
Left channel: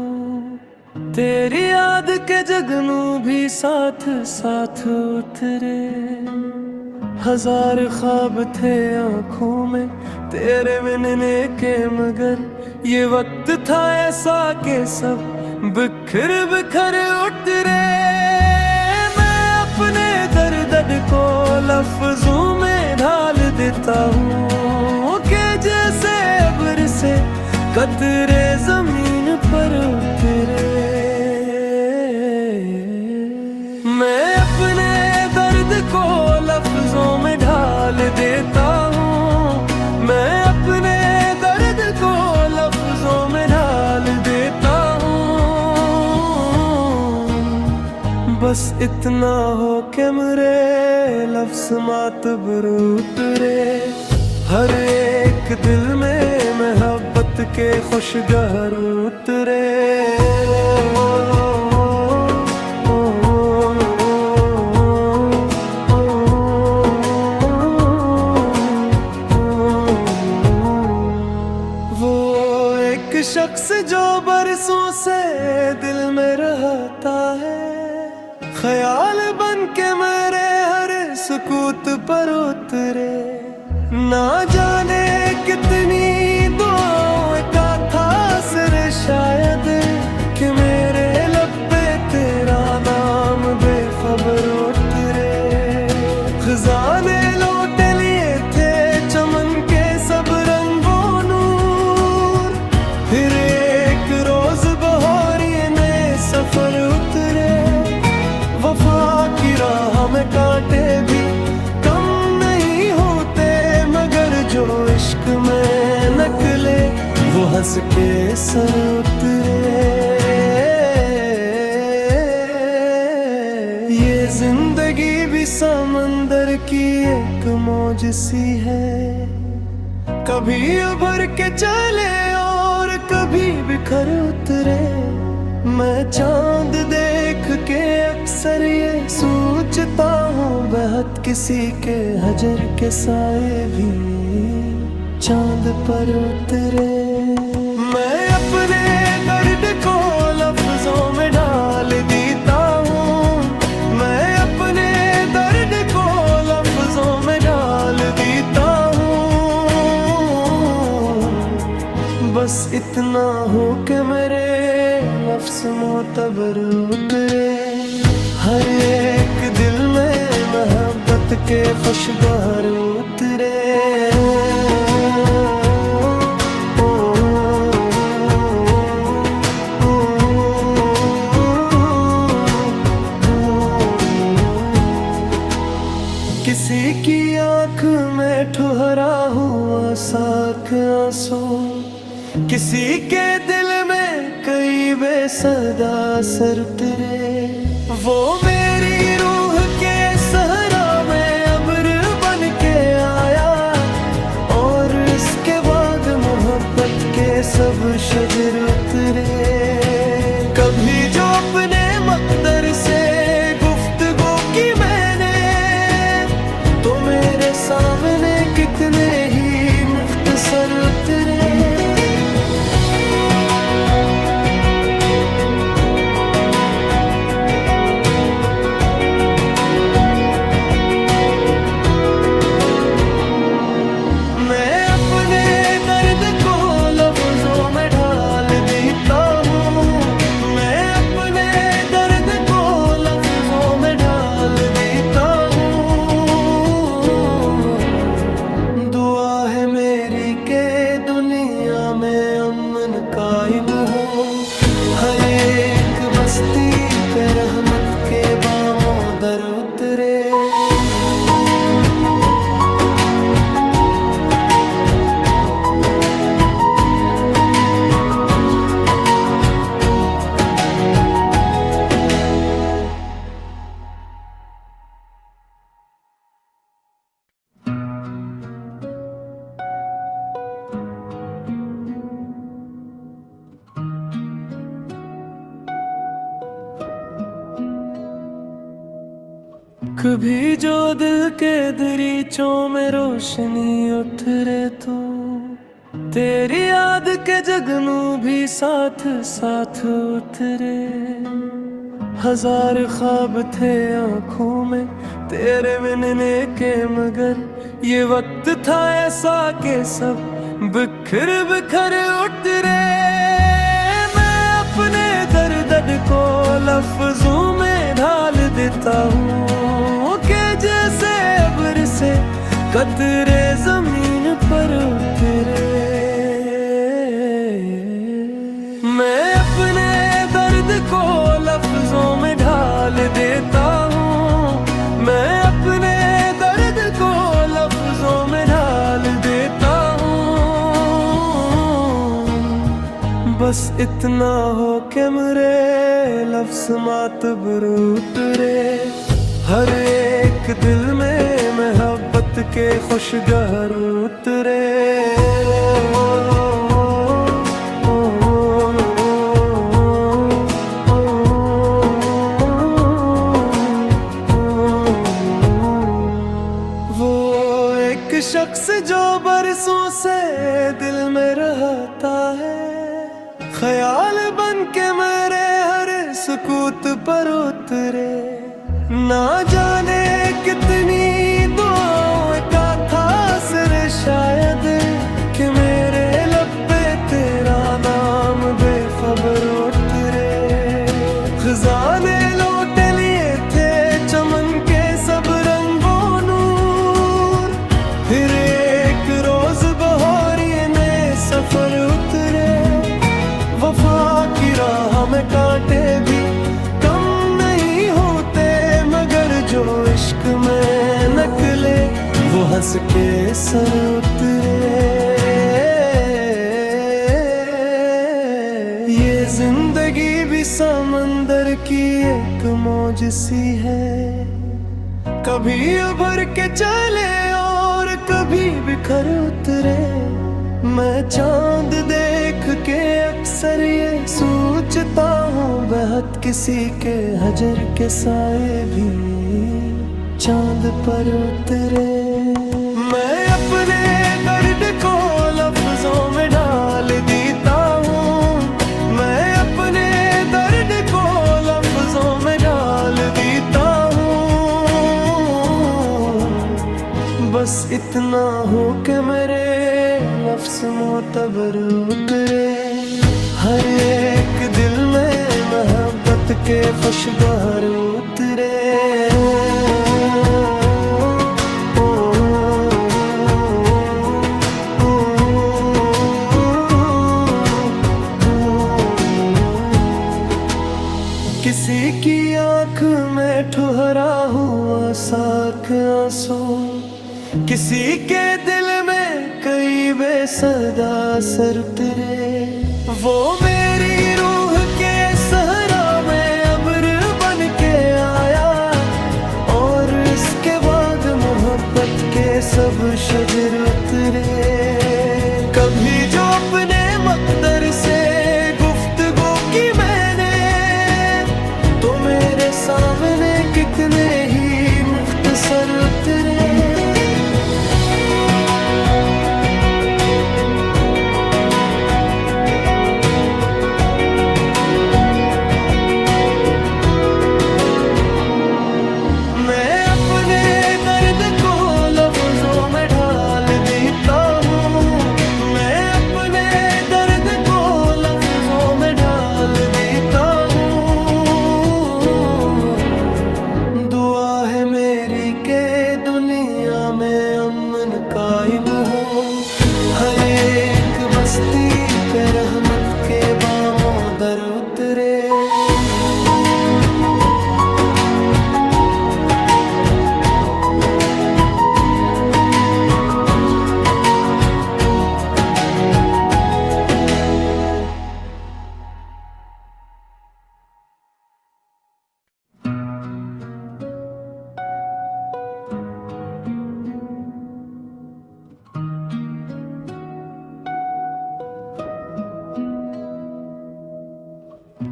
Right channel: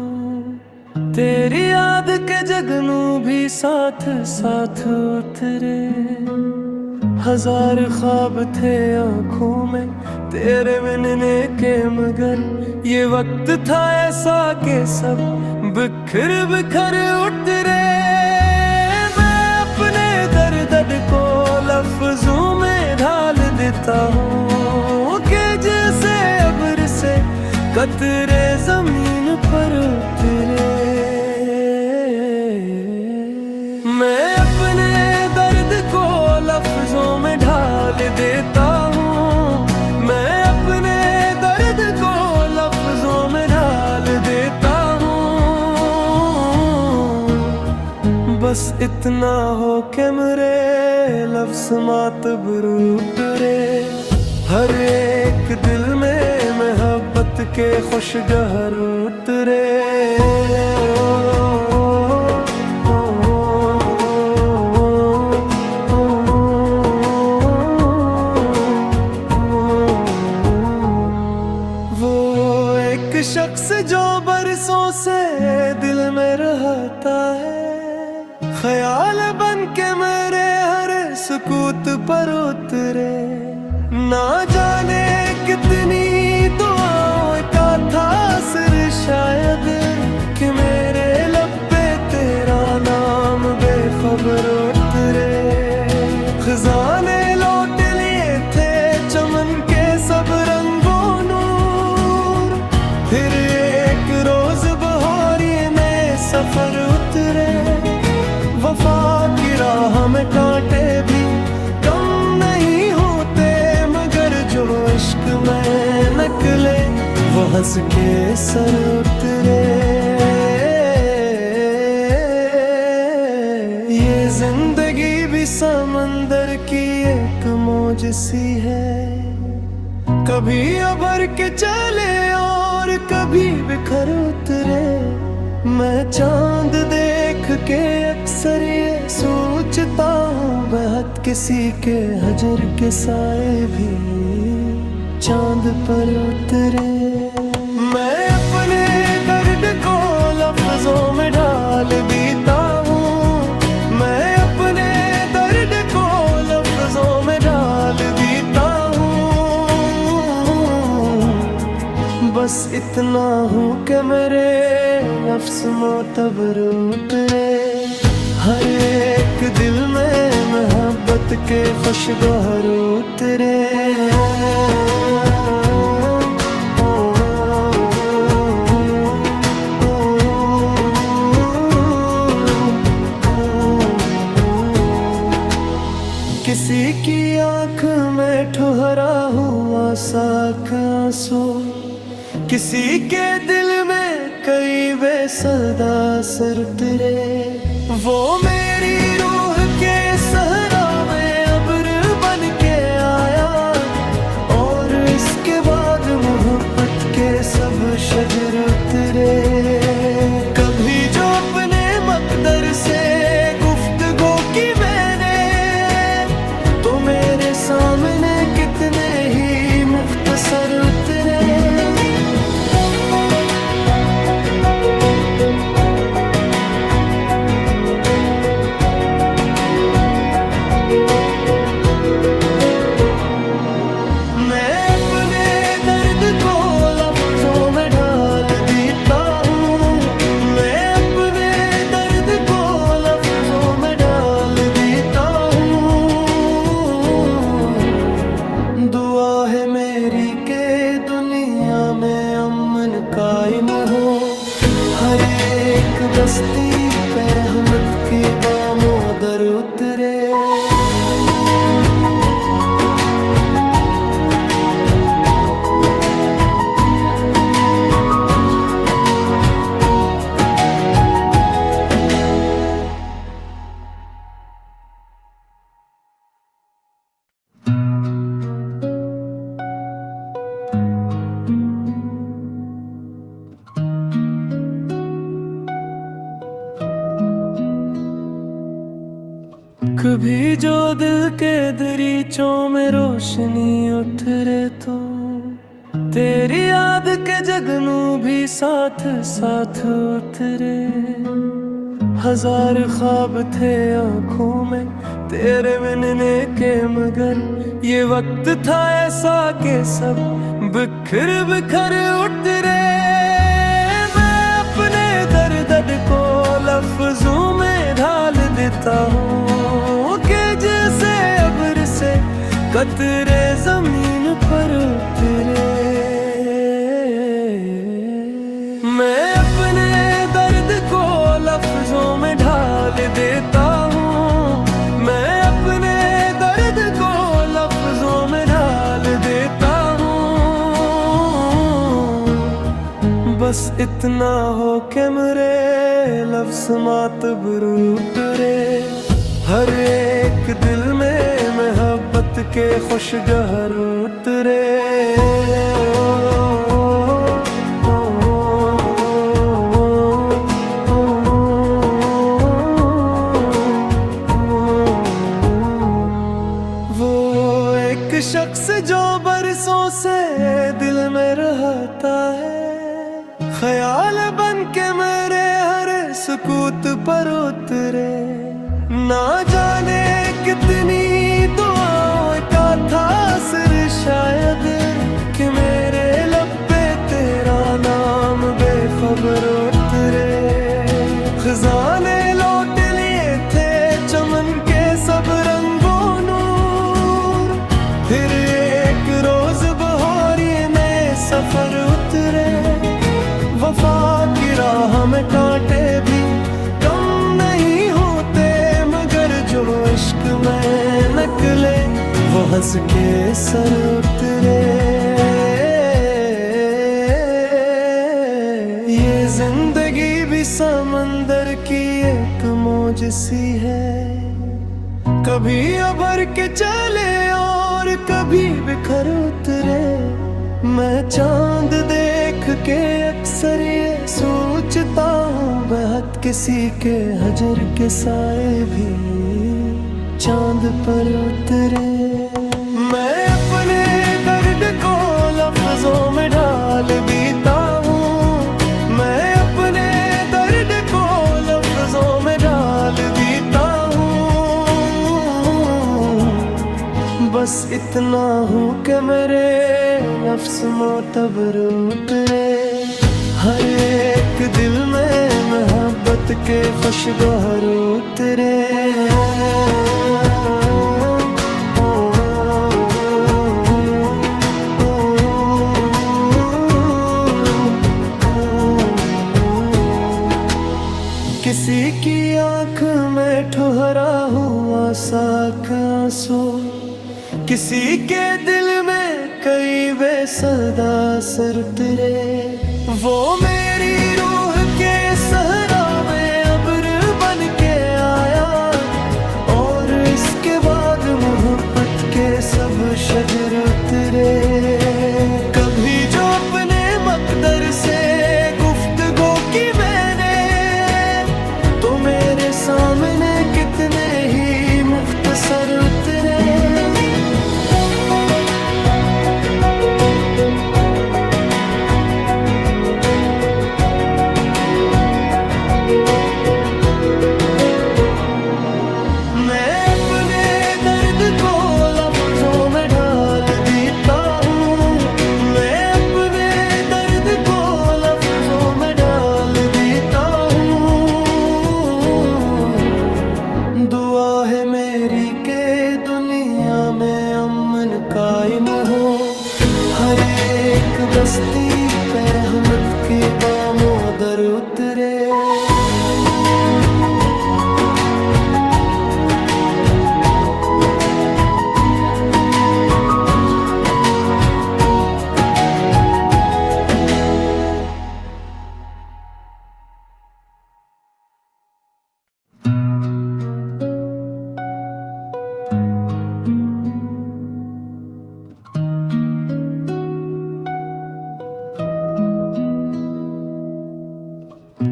तेरी याद के जगनू भी साथ साथ उतरे। हजार ख्वाब थे आँखों में तेरे मिलने के, मगर ये वक्त था ऐसा कि सब बिखर बिखर उतरे। मैं अपने दर्द को लफ्जों में ढाल देता हूँ कि जैसे अब्र से कतरे जमीन पर उतरे। मैं अपने दर्द को लफ्जों में ढाल देता हूँ, मैं अपने दर्द को लफ्जों में ढाल देता हूँ। बस इतना हो कि मेरे लफ्ज मातबर उतरे। हर एक दिल में मोहब्बत के खुशगहर उतरे। वो एक शख्स जो बरसों से दिल में रहता है, ख्याल बन के मेरे हर सुकूत पर उतरे। ना जाने कितनी दुआओं का था असर शायद कि मेरे लब पे तेरा नाम बेखबर उतरे। खजाने लौट लिए थे चमन के सब रंगों नूर, फिर एक रोज बहारी में सफर उतरे। वफा की राह में कांटे भी कम नहीं होते, मगर जो इश्क में निकले वो हंस के सर उतरे। ये जिंदगी भी समंदर की एक मौज सी है, कभी उभर के चले और कभी बिखर उतरे। मैं चांद देख के अक्सर ये सोचता हूँ, बेहद किसी के हजर के साए भी चांद पर उतरे। मैं अपने दर्द को लफ्जों में डाल देता हूँ, मैं अपने दर्द को लफ्जों में डाल देता हूँ। बस इतना हो कि मेरे लफ्ज मोतबर उतरे। हर एक दिल में मोहब्बत के खुशगवार उतरे। किसी की आँख में ठुहरा हुआ साख आंसू, किसी के दिल में कई बेसदा सर उतरे। वो मेरी रूह के सहरा में अब्र बन के आया, और इसके बाद मोहब्बत के सब शजर उतरे। कभी जो अपने मकदर से गुफ्तगू की मैंने, तो मेरे सामने कितने ही मुख्तसर उतरे। मैं अपने दर्द को लफ्जों में ढाल देता हूँ, मैं अपने दर्द को लफ्जों में ढाल देता हूँ। दुआ है मेरी के दुनिया में अमन कायम हो, हर एक बस्ती पे रहमत के बामों दर उतरे। कभी जो दिल के दरीचों में रोशनी उठ रे तो तेरी याद के जगनू भी साथ साथ उतरे। हजार ख्वाब थे आँखों में तेरे मिलने के, मगर ये वक्त था ऐसा कि सब बिखर बिखर उतरे। मैं अपने दर्द को लफ्जों में ढाल देता हूँ कि जैसे अब्र से कतरे जमीन पर उतरे। मैं अपने दर्द को लफ्जों में ढाल देता हूँ, मैं अपने दर्द को लफ्जों में ढाल देता हूँ। बस इतना हो कि मेरे लफ्ज मातबर उतरे। हर एक दिल में मोहब्बत के खुशगहर उतरे। वो एक शख्स जो बरसों से दिल में रहता है, ख्याल बन के मेरे हर सुकूत पर उतरे। ना जाने कितनी दुआओं का था असर शायद कि मेरे लब पे तेरा नाम बेखबर उतरे। खजाने लौट लिए थे चमन के सब रंगों नूर, फिर एक रोज बहारिए नए सफर उतरे। वफा की राह में कांटे भी कम नहीं होते, मगर जो इश्क में निकले वो हंस के सर उतरे। ये जिंदगी भी समंदर की एक मौज सी है, कभी उभर के चले और कभी बिखर उतरे। मैं चांद देख के अक्सर ये सोचता हूँ, बेहद किसी के हजर के साए भी चांद पर उतरे। मैं अपने दर्द को लफ्जों में ढाल देता हूँ, मैं अपने दर्द को लफ्जों में ढाल देता हूँ। बस इतना हो कि मेरे लफ्ज मोतबर उतरे। हर एक दिल में मोहब्बत के खुशगवार उतरे। किसी की आँख में ठुहरा हुआ साख आंसू, किसी के दिल में कई बेसदा सर उतरे। वो मेरी रूह के सहरा में अब्र बन के आया, और इसके बाद मोहब्बत के सब शजर उतरे। कभी जो अपने मकदर से गुफ्तगू की मैंने, तो मेरे सामने कितने ही मुख्तसर उतरे। मैं अपने दर्द को लफ्जों में ढाल देता हूँ, मैं अपने दर्द को लफ्जों में ढाल देता हूँ। दुआ है मेरी के दुनिया में अमन कायम हो, हर एक बस्ती पे रहमत के बामों दर उतरे।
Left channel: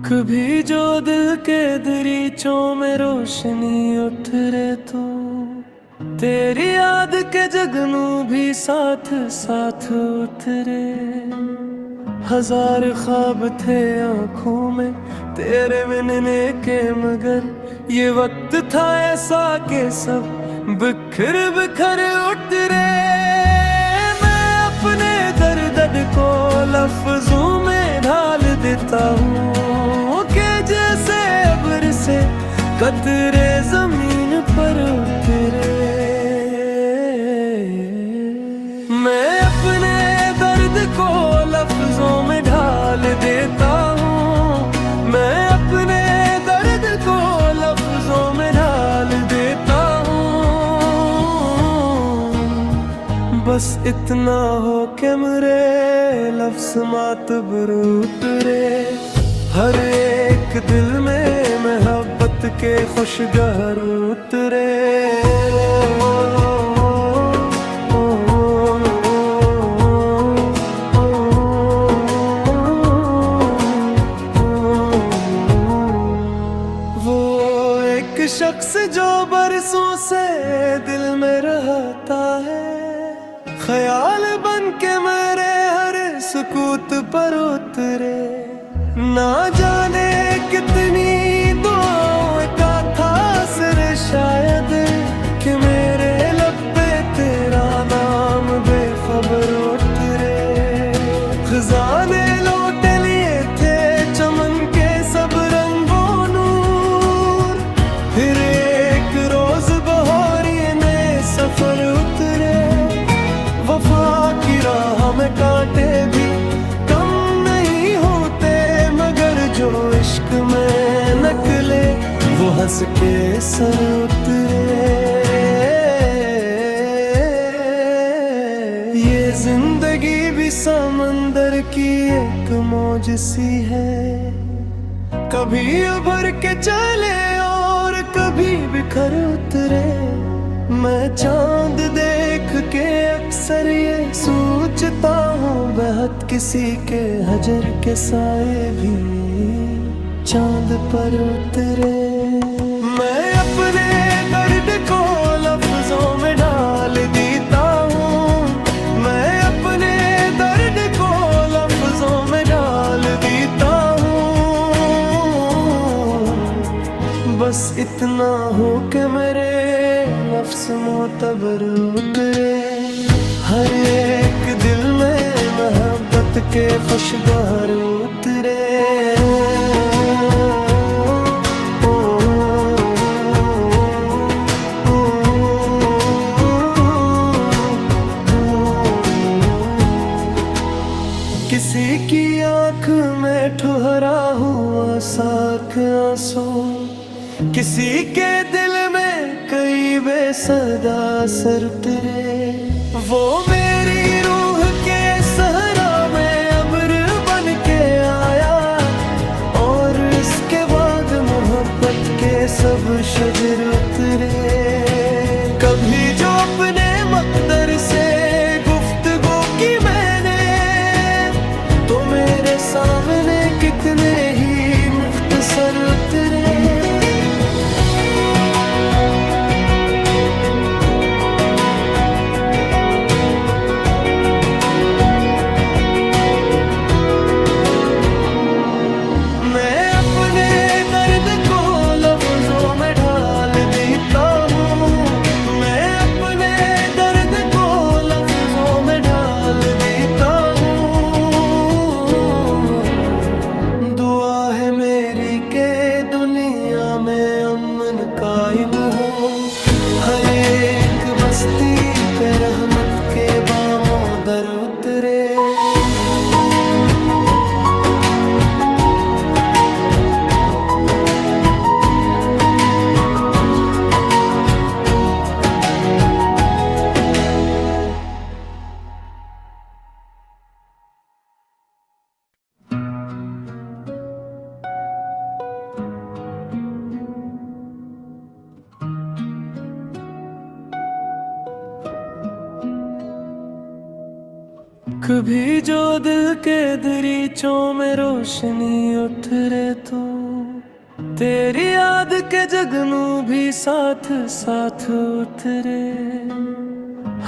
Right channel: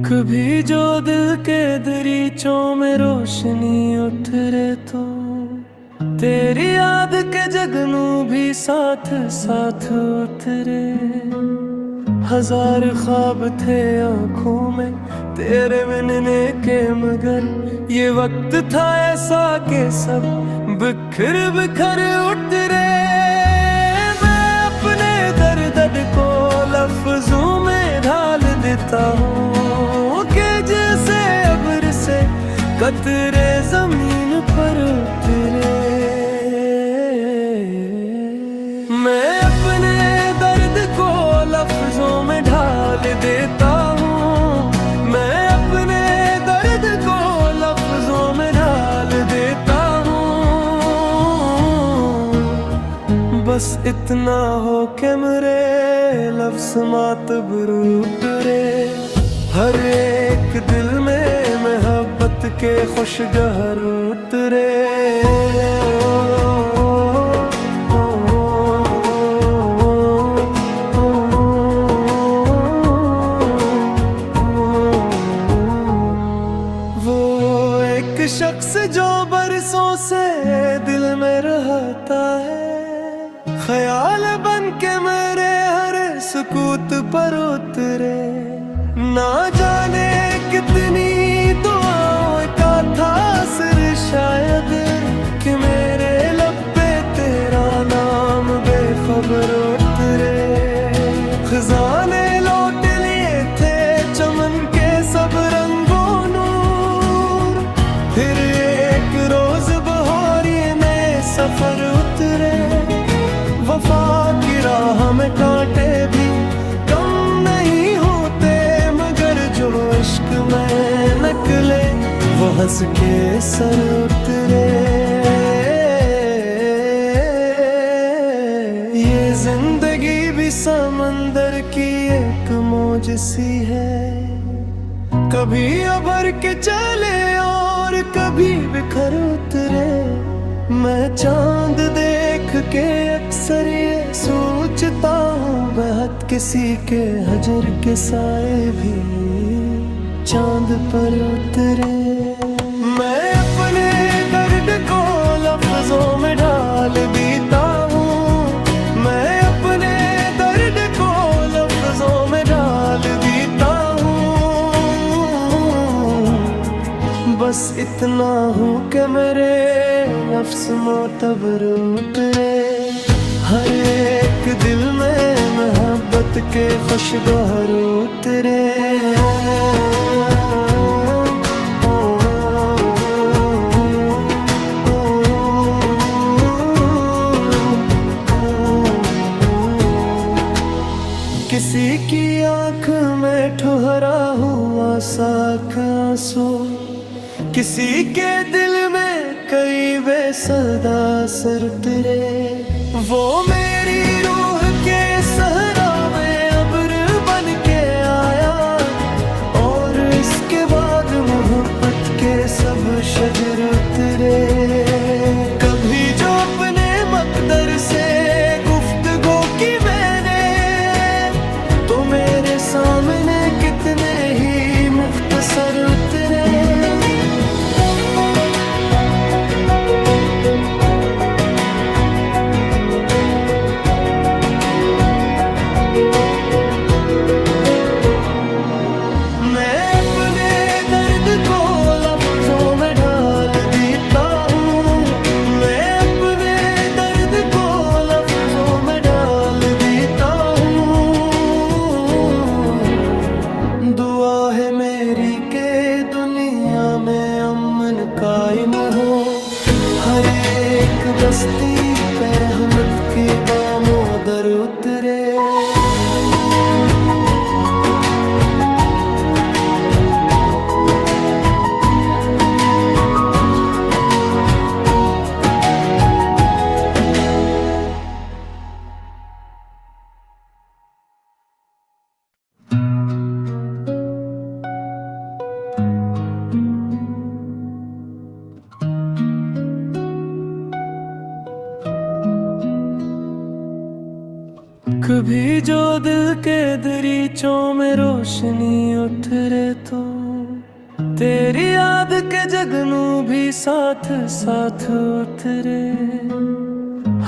कभी जो दिल के दरीचों में रोशनी उतरे, तो तेरी याद के जगनू भी साथ साथ उतरे। हजार ख्वाब थे आँखों में तेरे मिलने के, मगर ये वक्त था ऐसा कि सब बिखर बिखर उतरे। मैं अपने दर्द को लफ्जों में ढाल देता हूँ कि जैसे अब्र से कतरे जमीन पर उतरे। मैं अपने दर्द को लफ्जों में ढाल देता हूँ, मैं अपने दर्द को लफ्जों में ढाल देता हूँ। बस इतना हो कि मेरे लफ्ज मातबर उतरे। हर एक दिल में मोहब्बत के खुशगहर उतरे। शख्स जो बरसों से दिल में रहता है, ख्याल बन के मेरे हर सुकूत पर उतरे। ना जाने कितनी दुआओं का था असर शायद कि मेरे लब पे तेरा नाम बेखबर उतरे। खजाने लौट लिए थे चमन के सब रंगों, फिर एक रोज बहारी में सफर उतरे। वफा की राह में कांटे भी कम नहीं होते, मगर जो इश्क में निकले वो हंस के सर उतरे। ये जिंदगी भी समंदर की एक मौज सी है, कभी उभर के चले और कभी बिखर उतरे। मैं चांद देख के अक्सर ये सोचता हूँ, बेहद किसी के हजर के साए भी चांद पर उतरे। मैं अपने दर्द को लफ्जों में डाल देता हूँ, मैं अपने दर्द को लफ्जों में डाल देता हूँ। बस इतना हो कि मेरे लफ्ज मोतबर उतरे। हर एक दिल में मोहब्बत के खुशगवार उतरे। किसी की आँख में ठुहरा हुआ साख आंसू, किसी के दिल में कई बेसदा सर उतरे। वो मेरी रूह के सहरा में अब्र बन के आया, और इसके बाद मोहब्बत के सब शजर उतरे। कभी जो अपने मकदर से गुफ्तगू की मैंने, तो मेरे सामने कितने ही मुख्तसर उतरे। मैं अपने दर्द को लफ्जों में ढाल देता हूँ, मैं अपने दर्द को लफ्जों में ढाल देता हूँ। दुआ है मेरी के दुनिया में अमन कायम हो, हर एक बस्ती पे रहमत के बामों दर उतरे। कभी जो दिल के दरीचों में रोशनी उतरे, तो तेरी याद के जगनू भी साथ साथ उतरे।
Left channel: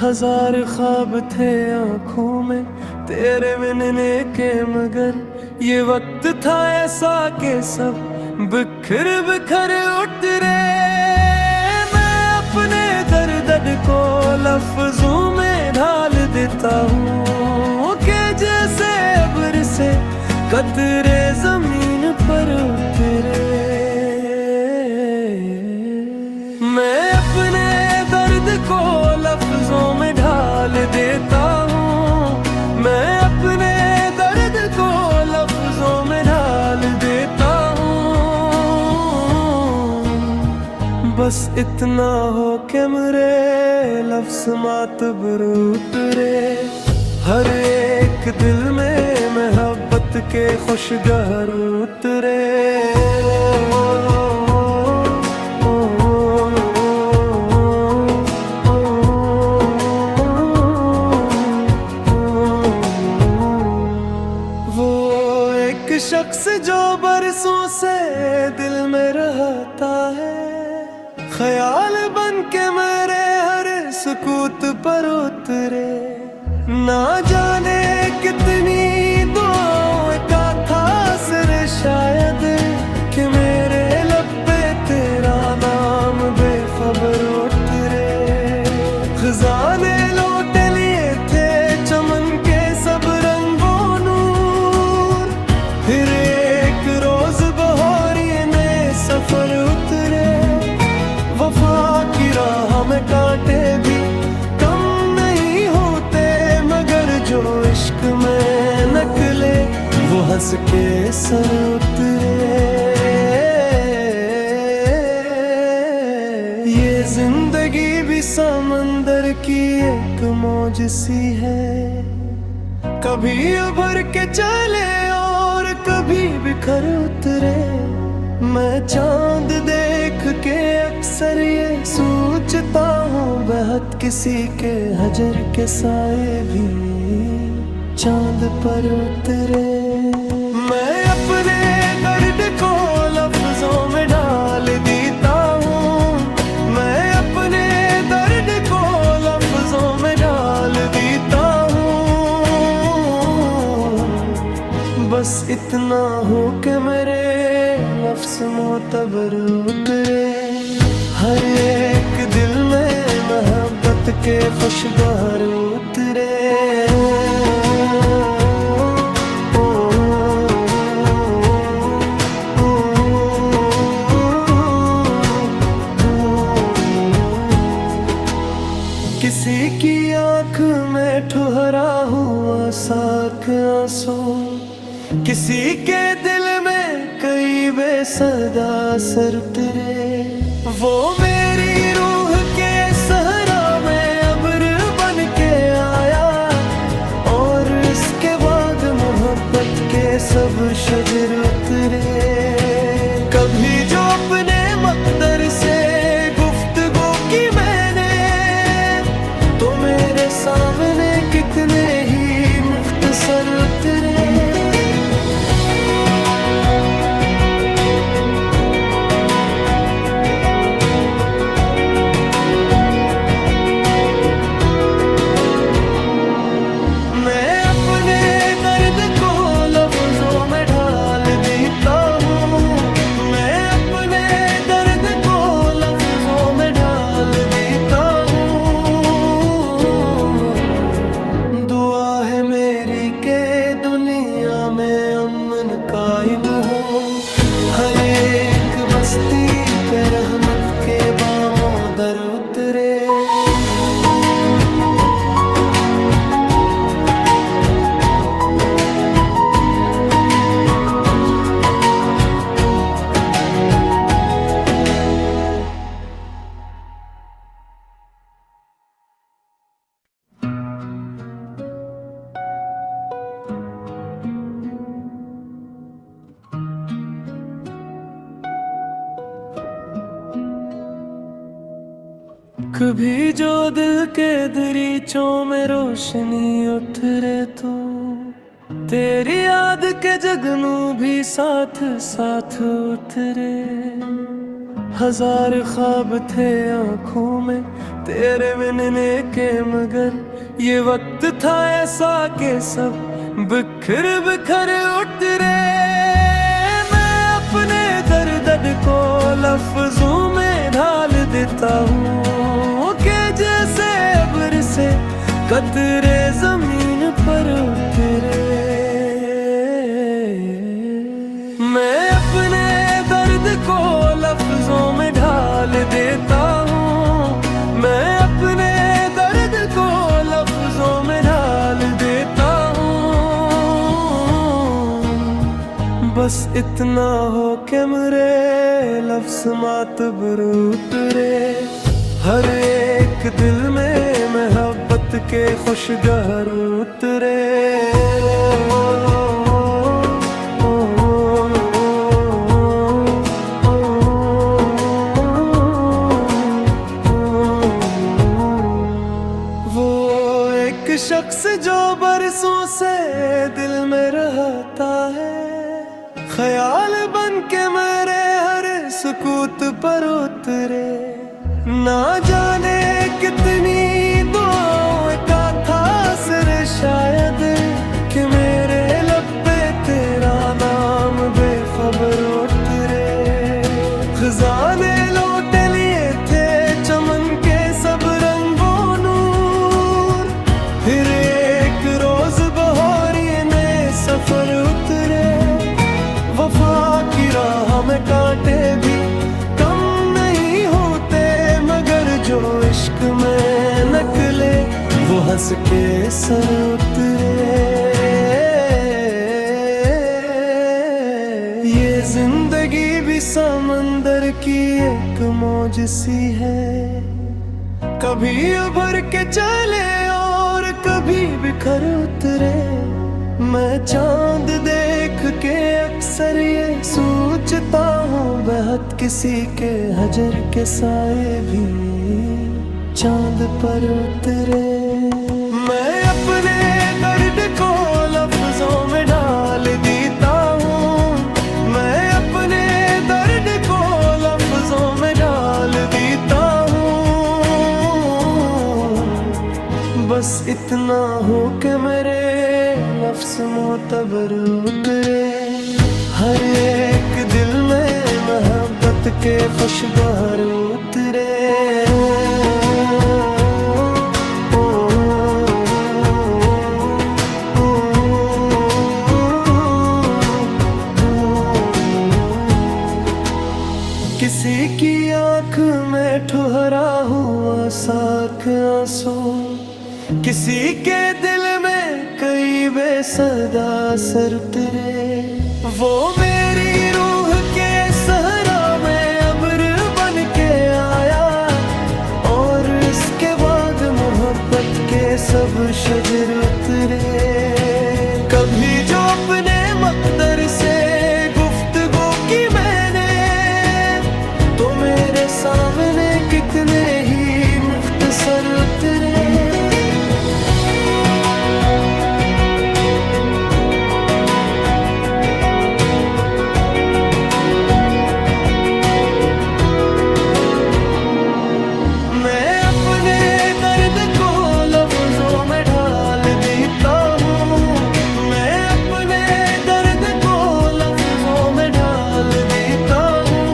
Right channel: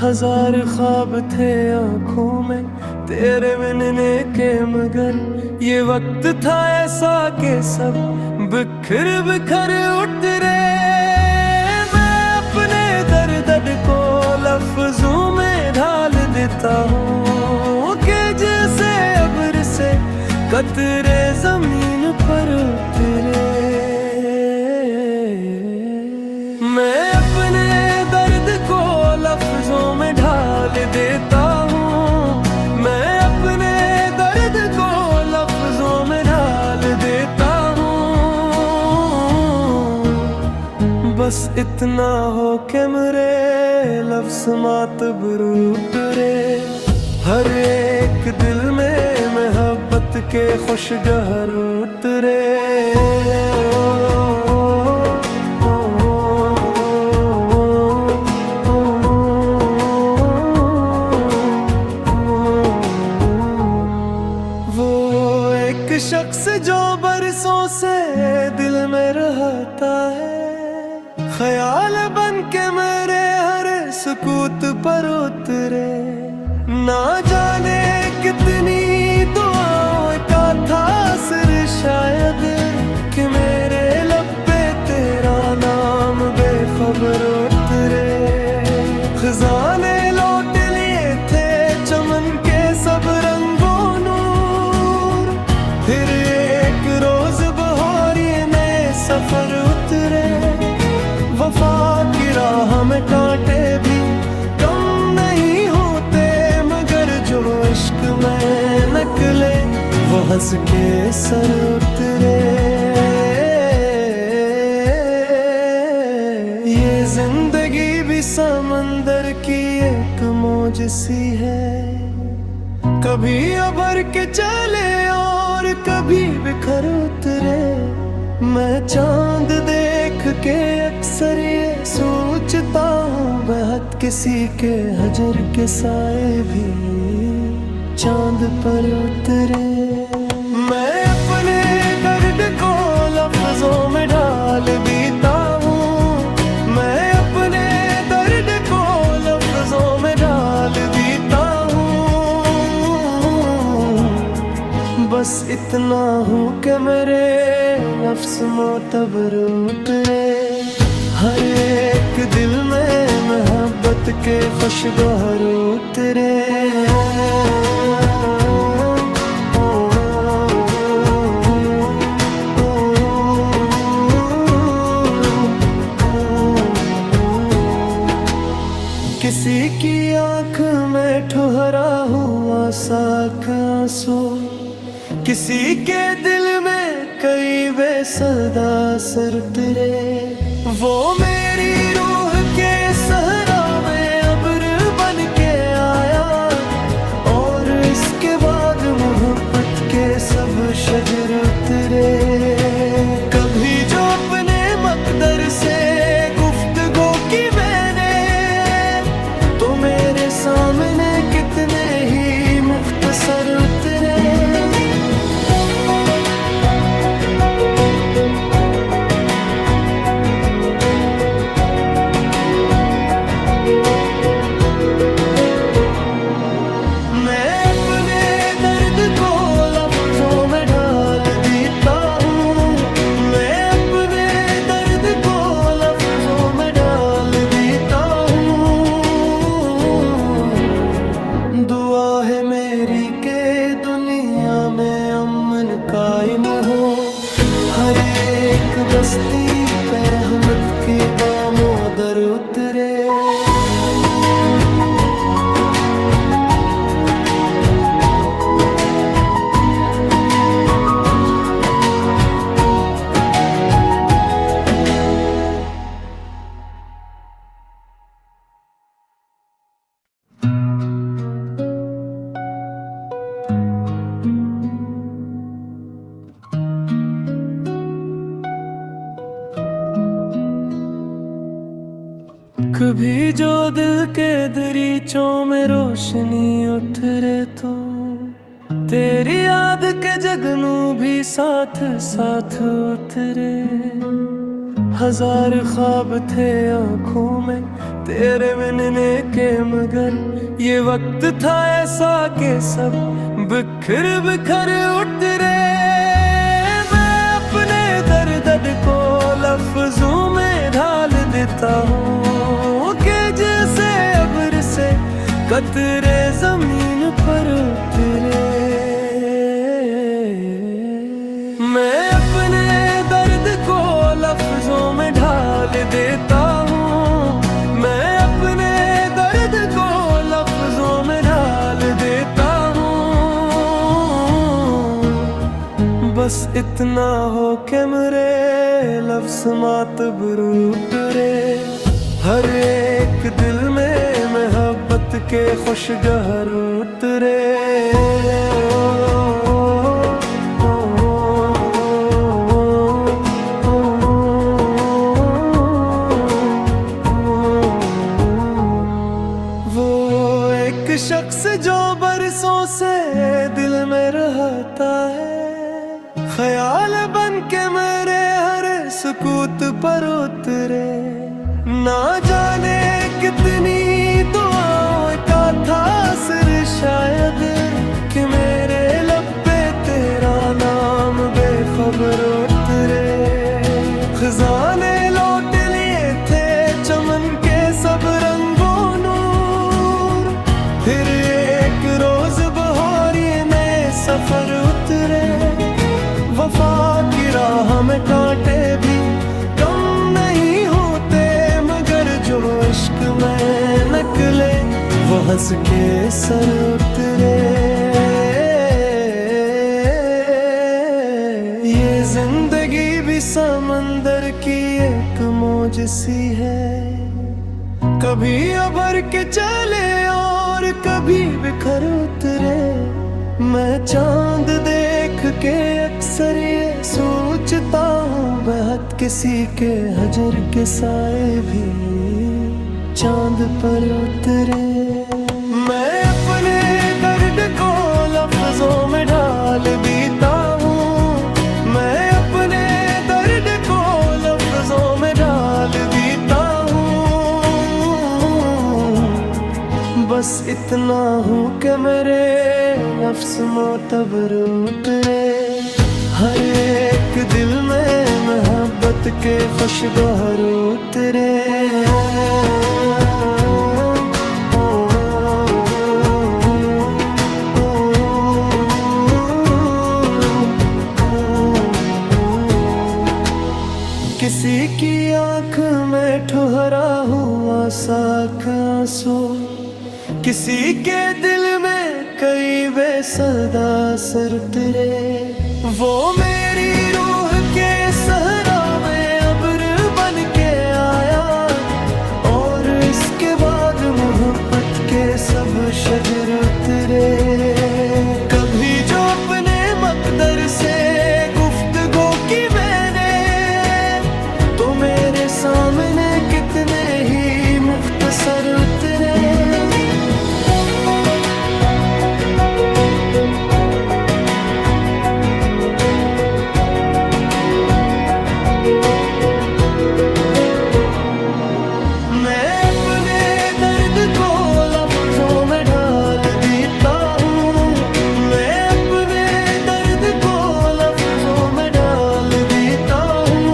हजार ख्वाब थे आँखों में तेरे मिलने के, मगर ये वक्त था ऐसा कि सब बिखर बिखर उतरे। मैं अपने दर्द को लफ्जों में ढाल देता हूँ कि जैसे अब्र से कतरे जमीन पर उतरे। मैं अपने दर्द को लफ्जों में ढाल देता हूँ, मैं अपने दर्द को लफ्जों में ढाल देता हूँ। बस इतना हो कि मेरे लफ्ज मातबर उतरे। हर एक दिल में मोहब्बत के खुशगहर उतरे। वो एक शख्स जो बरसों से दिल में रहता है, ख्याल बन के मेरे हर सुकूत पर उतरे। ना जाने कितनी दुआओं का था असर शायद कि मेरे लब पे तेरा नाम बेखबर उतरे। खजाने लौट लिए थे चमन के सब रंगों नूर, फिर एक रोज बहारी में सफर उतरे। वफा की राह में कांटे भी कम नहीं होते, मगर जो इश्क में निकले वो हंस के सर उतरे। ये जिंदगी भी समंदर की एक मौज सी है, कभी उभर के चले और कभी बिखर उतरे। मैं चांद देख के अक्सर ये सोचता हूँ, बेहद किसी के हजर के साए भी चांद पर उतरे। मैं अपने दर्द को लफ्जों में डाल देता हूँ, मैं अपने दर्द को लफ्जों में डाल देता हूँ। बस इतना हो कि मेरे लफ्ज मोतबर उतरे। हर एक दिल में मोहब्बत के खुशगवार उतरे। किसी की आँख में ठुहरा हुआ साख आंसू, किसी के दिल में कई बेसदा सर उतरे। वो मेरी रूह के सहरा में अब्र बन के आया, और इसके बाद मोहब्बत के सब शजर उतरे। कभी जो अपने मकदर से गुफ्तगू की मैंने, तो मेरे सामने कितने ही मुख्तसर उतरे। मैं अपने दर्द को लफ्जों में ढाल देता हूँ, मैं अपने दर्द को लफ्जों में ढाल देता हूँ। दुआ है मेरी के दुनिया में अमन कायम हो, हर एक बस्ती पे रहमत के बामोदर उतरे। कभी जो दिल के दरीचों में रोशनी उतरे, तो तेरी याद के जगनू भी साथ साथ उतरे। हजार ख्वाब थे आँखों में तेरे मिलने के, मगर ये वक्त था ऐसा कि सब बिखर बिखर उतरे। मैं अपने दर्द को लफ्जों में ढाल देता हूँ कि जैसे अब्र से कतरे जमीन पर उतरे। मैं अपने दर्द को लफ्जों में ढाल देता हूँ, मैं अपने दर्द को लफ्जों में ढाल देता हूँ। बस इतना हो कि मेरे लफ्ज मातबर उतरे। हर एक दिल में मोहब्बत के खुशगहर उतरे। वो एक शख्स जो बरसों से दिल में रहता है, ख्याल बन के मेरे हर सुकूत पर उतरे। ना जाने कितनी दुआओं का था असर शायद कि मेरे लब पे तेरा नाम बेखबर उतरे। खजाने लौट लिए थे चमन के सब रंगों नूर, फिर एक रोज बहारी में सफर उतरे। वफा की राह में कांटे भी कम नहीं होते, मगर जो इश्क में निकले वो हंस के सर उतरे। ये जिंदगी भी समंदर की एक मौज सी है, कभी उभर के चले और कभी बिखर उतरे। मैं चांद देख के अक्सर ये सोचता हूँ, बेहद किसी के हजर के साए भी चांद पर उतरे। मैं अपने दर्द को लफ्जों में ढाल देता हूँ, मैं अपने दर्द को लफ्जों में ढाल देता हूँ। बस इतना हो कि मेरे लफ्ज मोतबर उतरे। हर एक दिल में मोहब्बत के खुशगवार उतरे। किसी की आँख में ठुहरा हुआ साख आंसू, किसी के दिल में कई बेसदा सर उतरे। वो मेरी रूह के सहरा में अब्र बन के आया, और इसके बाद मोहब्बत के सब शजर उतरे। कभी जो अपने मकदर से गुफ्तगू की मैंने, तो मेरे सामने कितने ही मुख्तसर उतरे। मैं अपने दर्द को लफ्जों में ढाल देता हूँ, मैं अपने दर्द को लफ्जों में ढाल देता हूँ।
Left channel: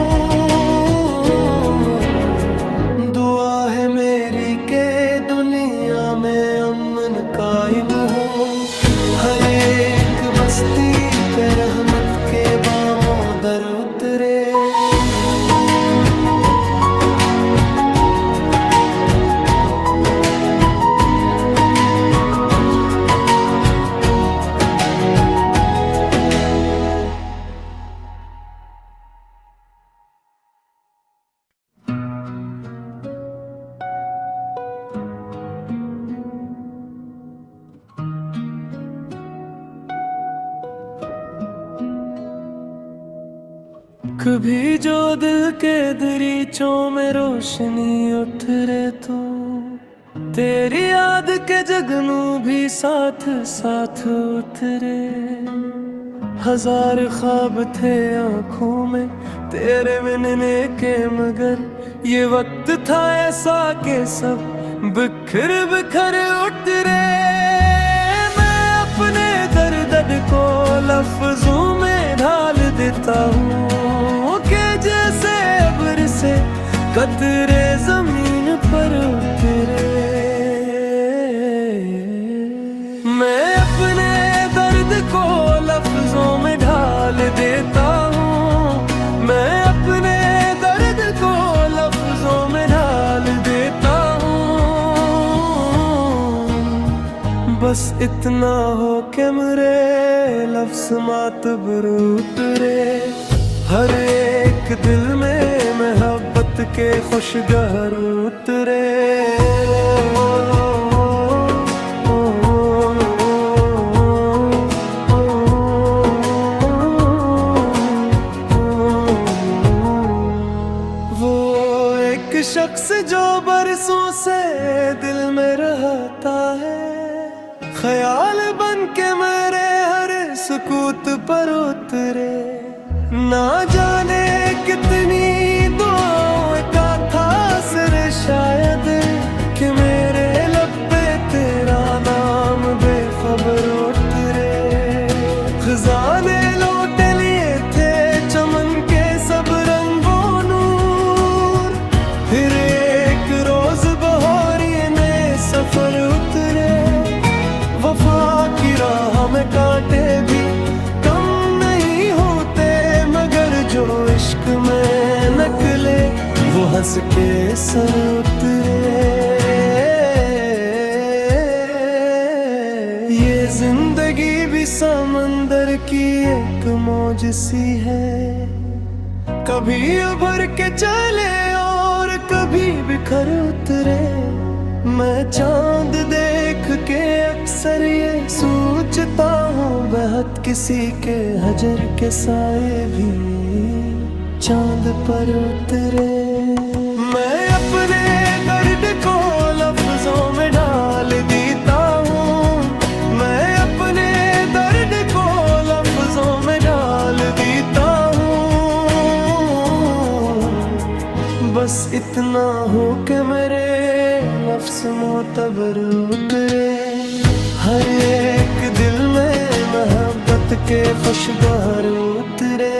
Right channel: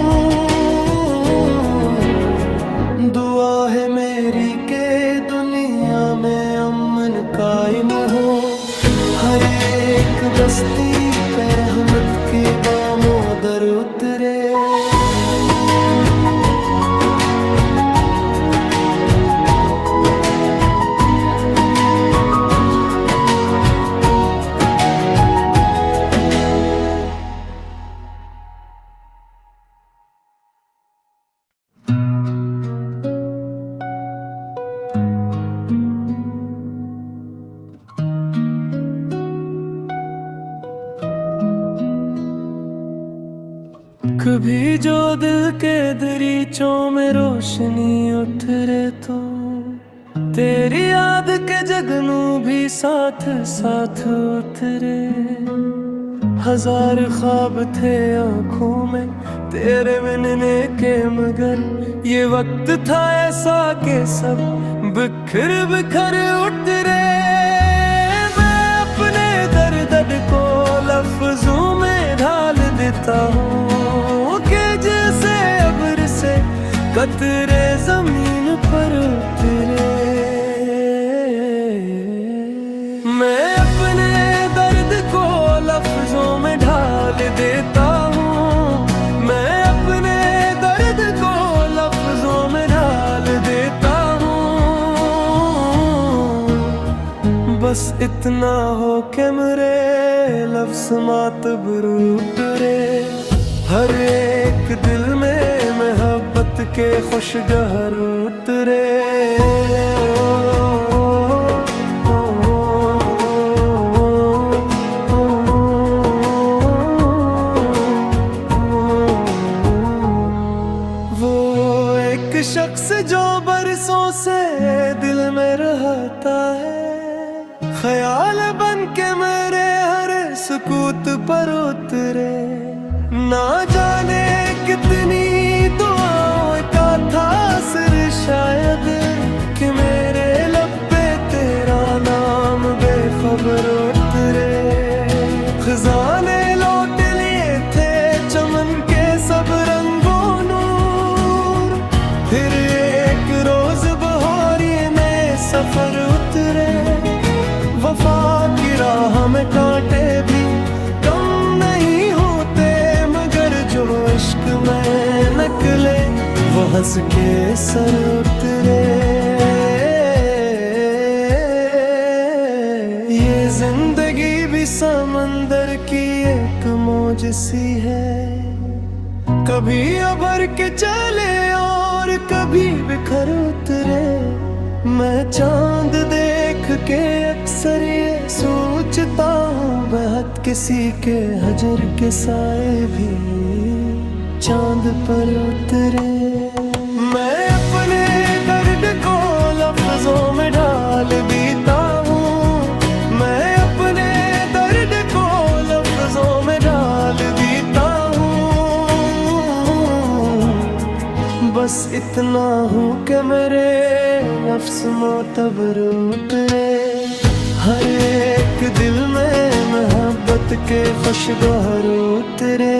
दुआ है मेरी के दुनिया में अमन कायम हो, हर एक बस्ती पे रहमत के बामों दर उतरे। कभी जो दिल के दरीचों में रोशनी उठ रे, तो तेरी याद के जगनू भी साथ साथ उतरे। हजार ख्वाब थे आँखों में तेरे मिलने के, मगर ये वक्त था ऐसा कि सब बिखर बिखर उतरे। मैं अपने दर्द को लफ्जों में ढाल देता हूँ कि जैसे अब्र से कतरे जमीन पर उतरे। मैं अपने दर्द को लफ्जों में ढाल देता हूँ, मैं अपने दर्द को लफ्जों में ढाल देता हूँ। बस इतना हो कि मेरे लफ्ज मातबर उतरे, हर एक दिल में मोहब्बत के खुशगहर उतरे। शख्स जो बरसों से दिल में रहता है, ख्याल बन के मेरे हर सुकूत पर उतरे। ना जाने कितनी दुआओं का था असर शायद कि मेरे लब पे तेरा नाम बेखबर उतरे। खजाने लौट लिए थे चमन के सब रंगों, फिर एक रोज बहारी में सफर उतरे। वफा की राह में कांटे भी कम नहीं होते, मगर जो इश्क में निकले वो हंस के सर उतरे। ये जिंदगी भी समंदर की एक मौज सी है, कभी उभर के चले और कभी बिखर उतरे। मैं चांद देख के अक्सर ये सोचता हूँ, बेहद किसी के हजर के साए भी चांद पर उतरे। मैं अपने दर्द को लफ्जों में ढाल देता हूँ, मैं अपने दर्द को लफ्जों में ढाल देता हूँ। बस इतना हो कि मेरे लफ्ज मोतबर उतरे, हर एक दिल में मोहब्बत के खुशगवार उतरे।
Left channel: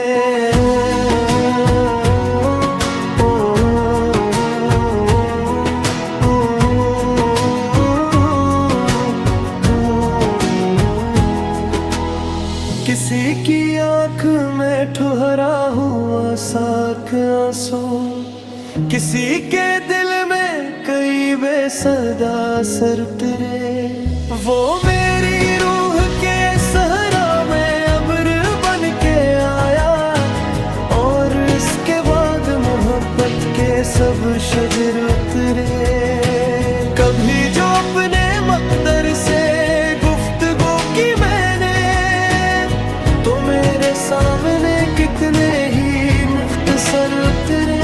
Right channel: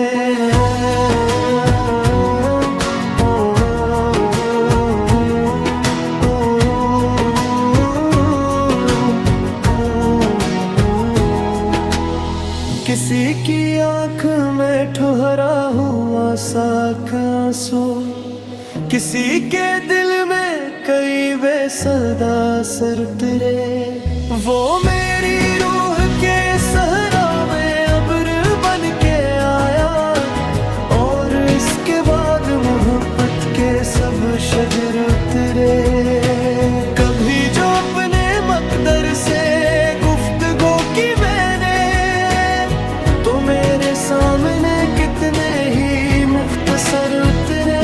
किसी की आँख में ठुहरा हुआ साख आंसू, किसी के दिल में कई बेसदा सर उतरे। वो मेरी रूह के सहरा में अब्र बन के आया, और इसके बाद मोहब्बत के सब शजर उतरे। कभी जो अपने मकदर से गुफ्तगू की मैंने, तो मेरे सामने कितने ही मुख्तसर उतरे।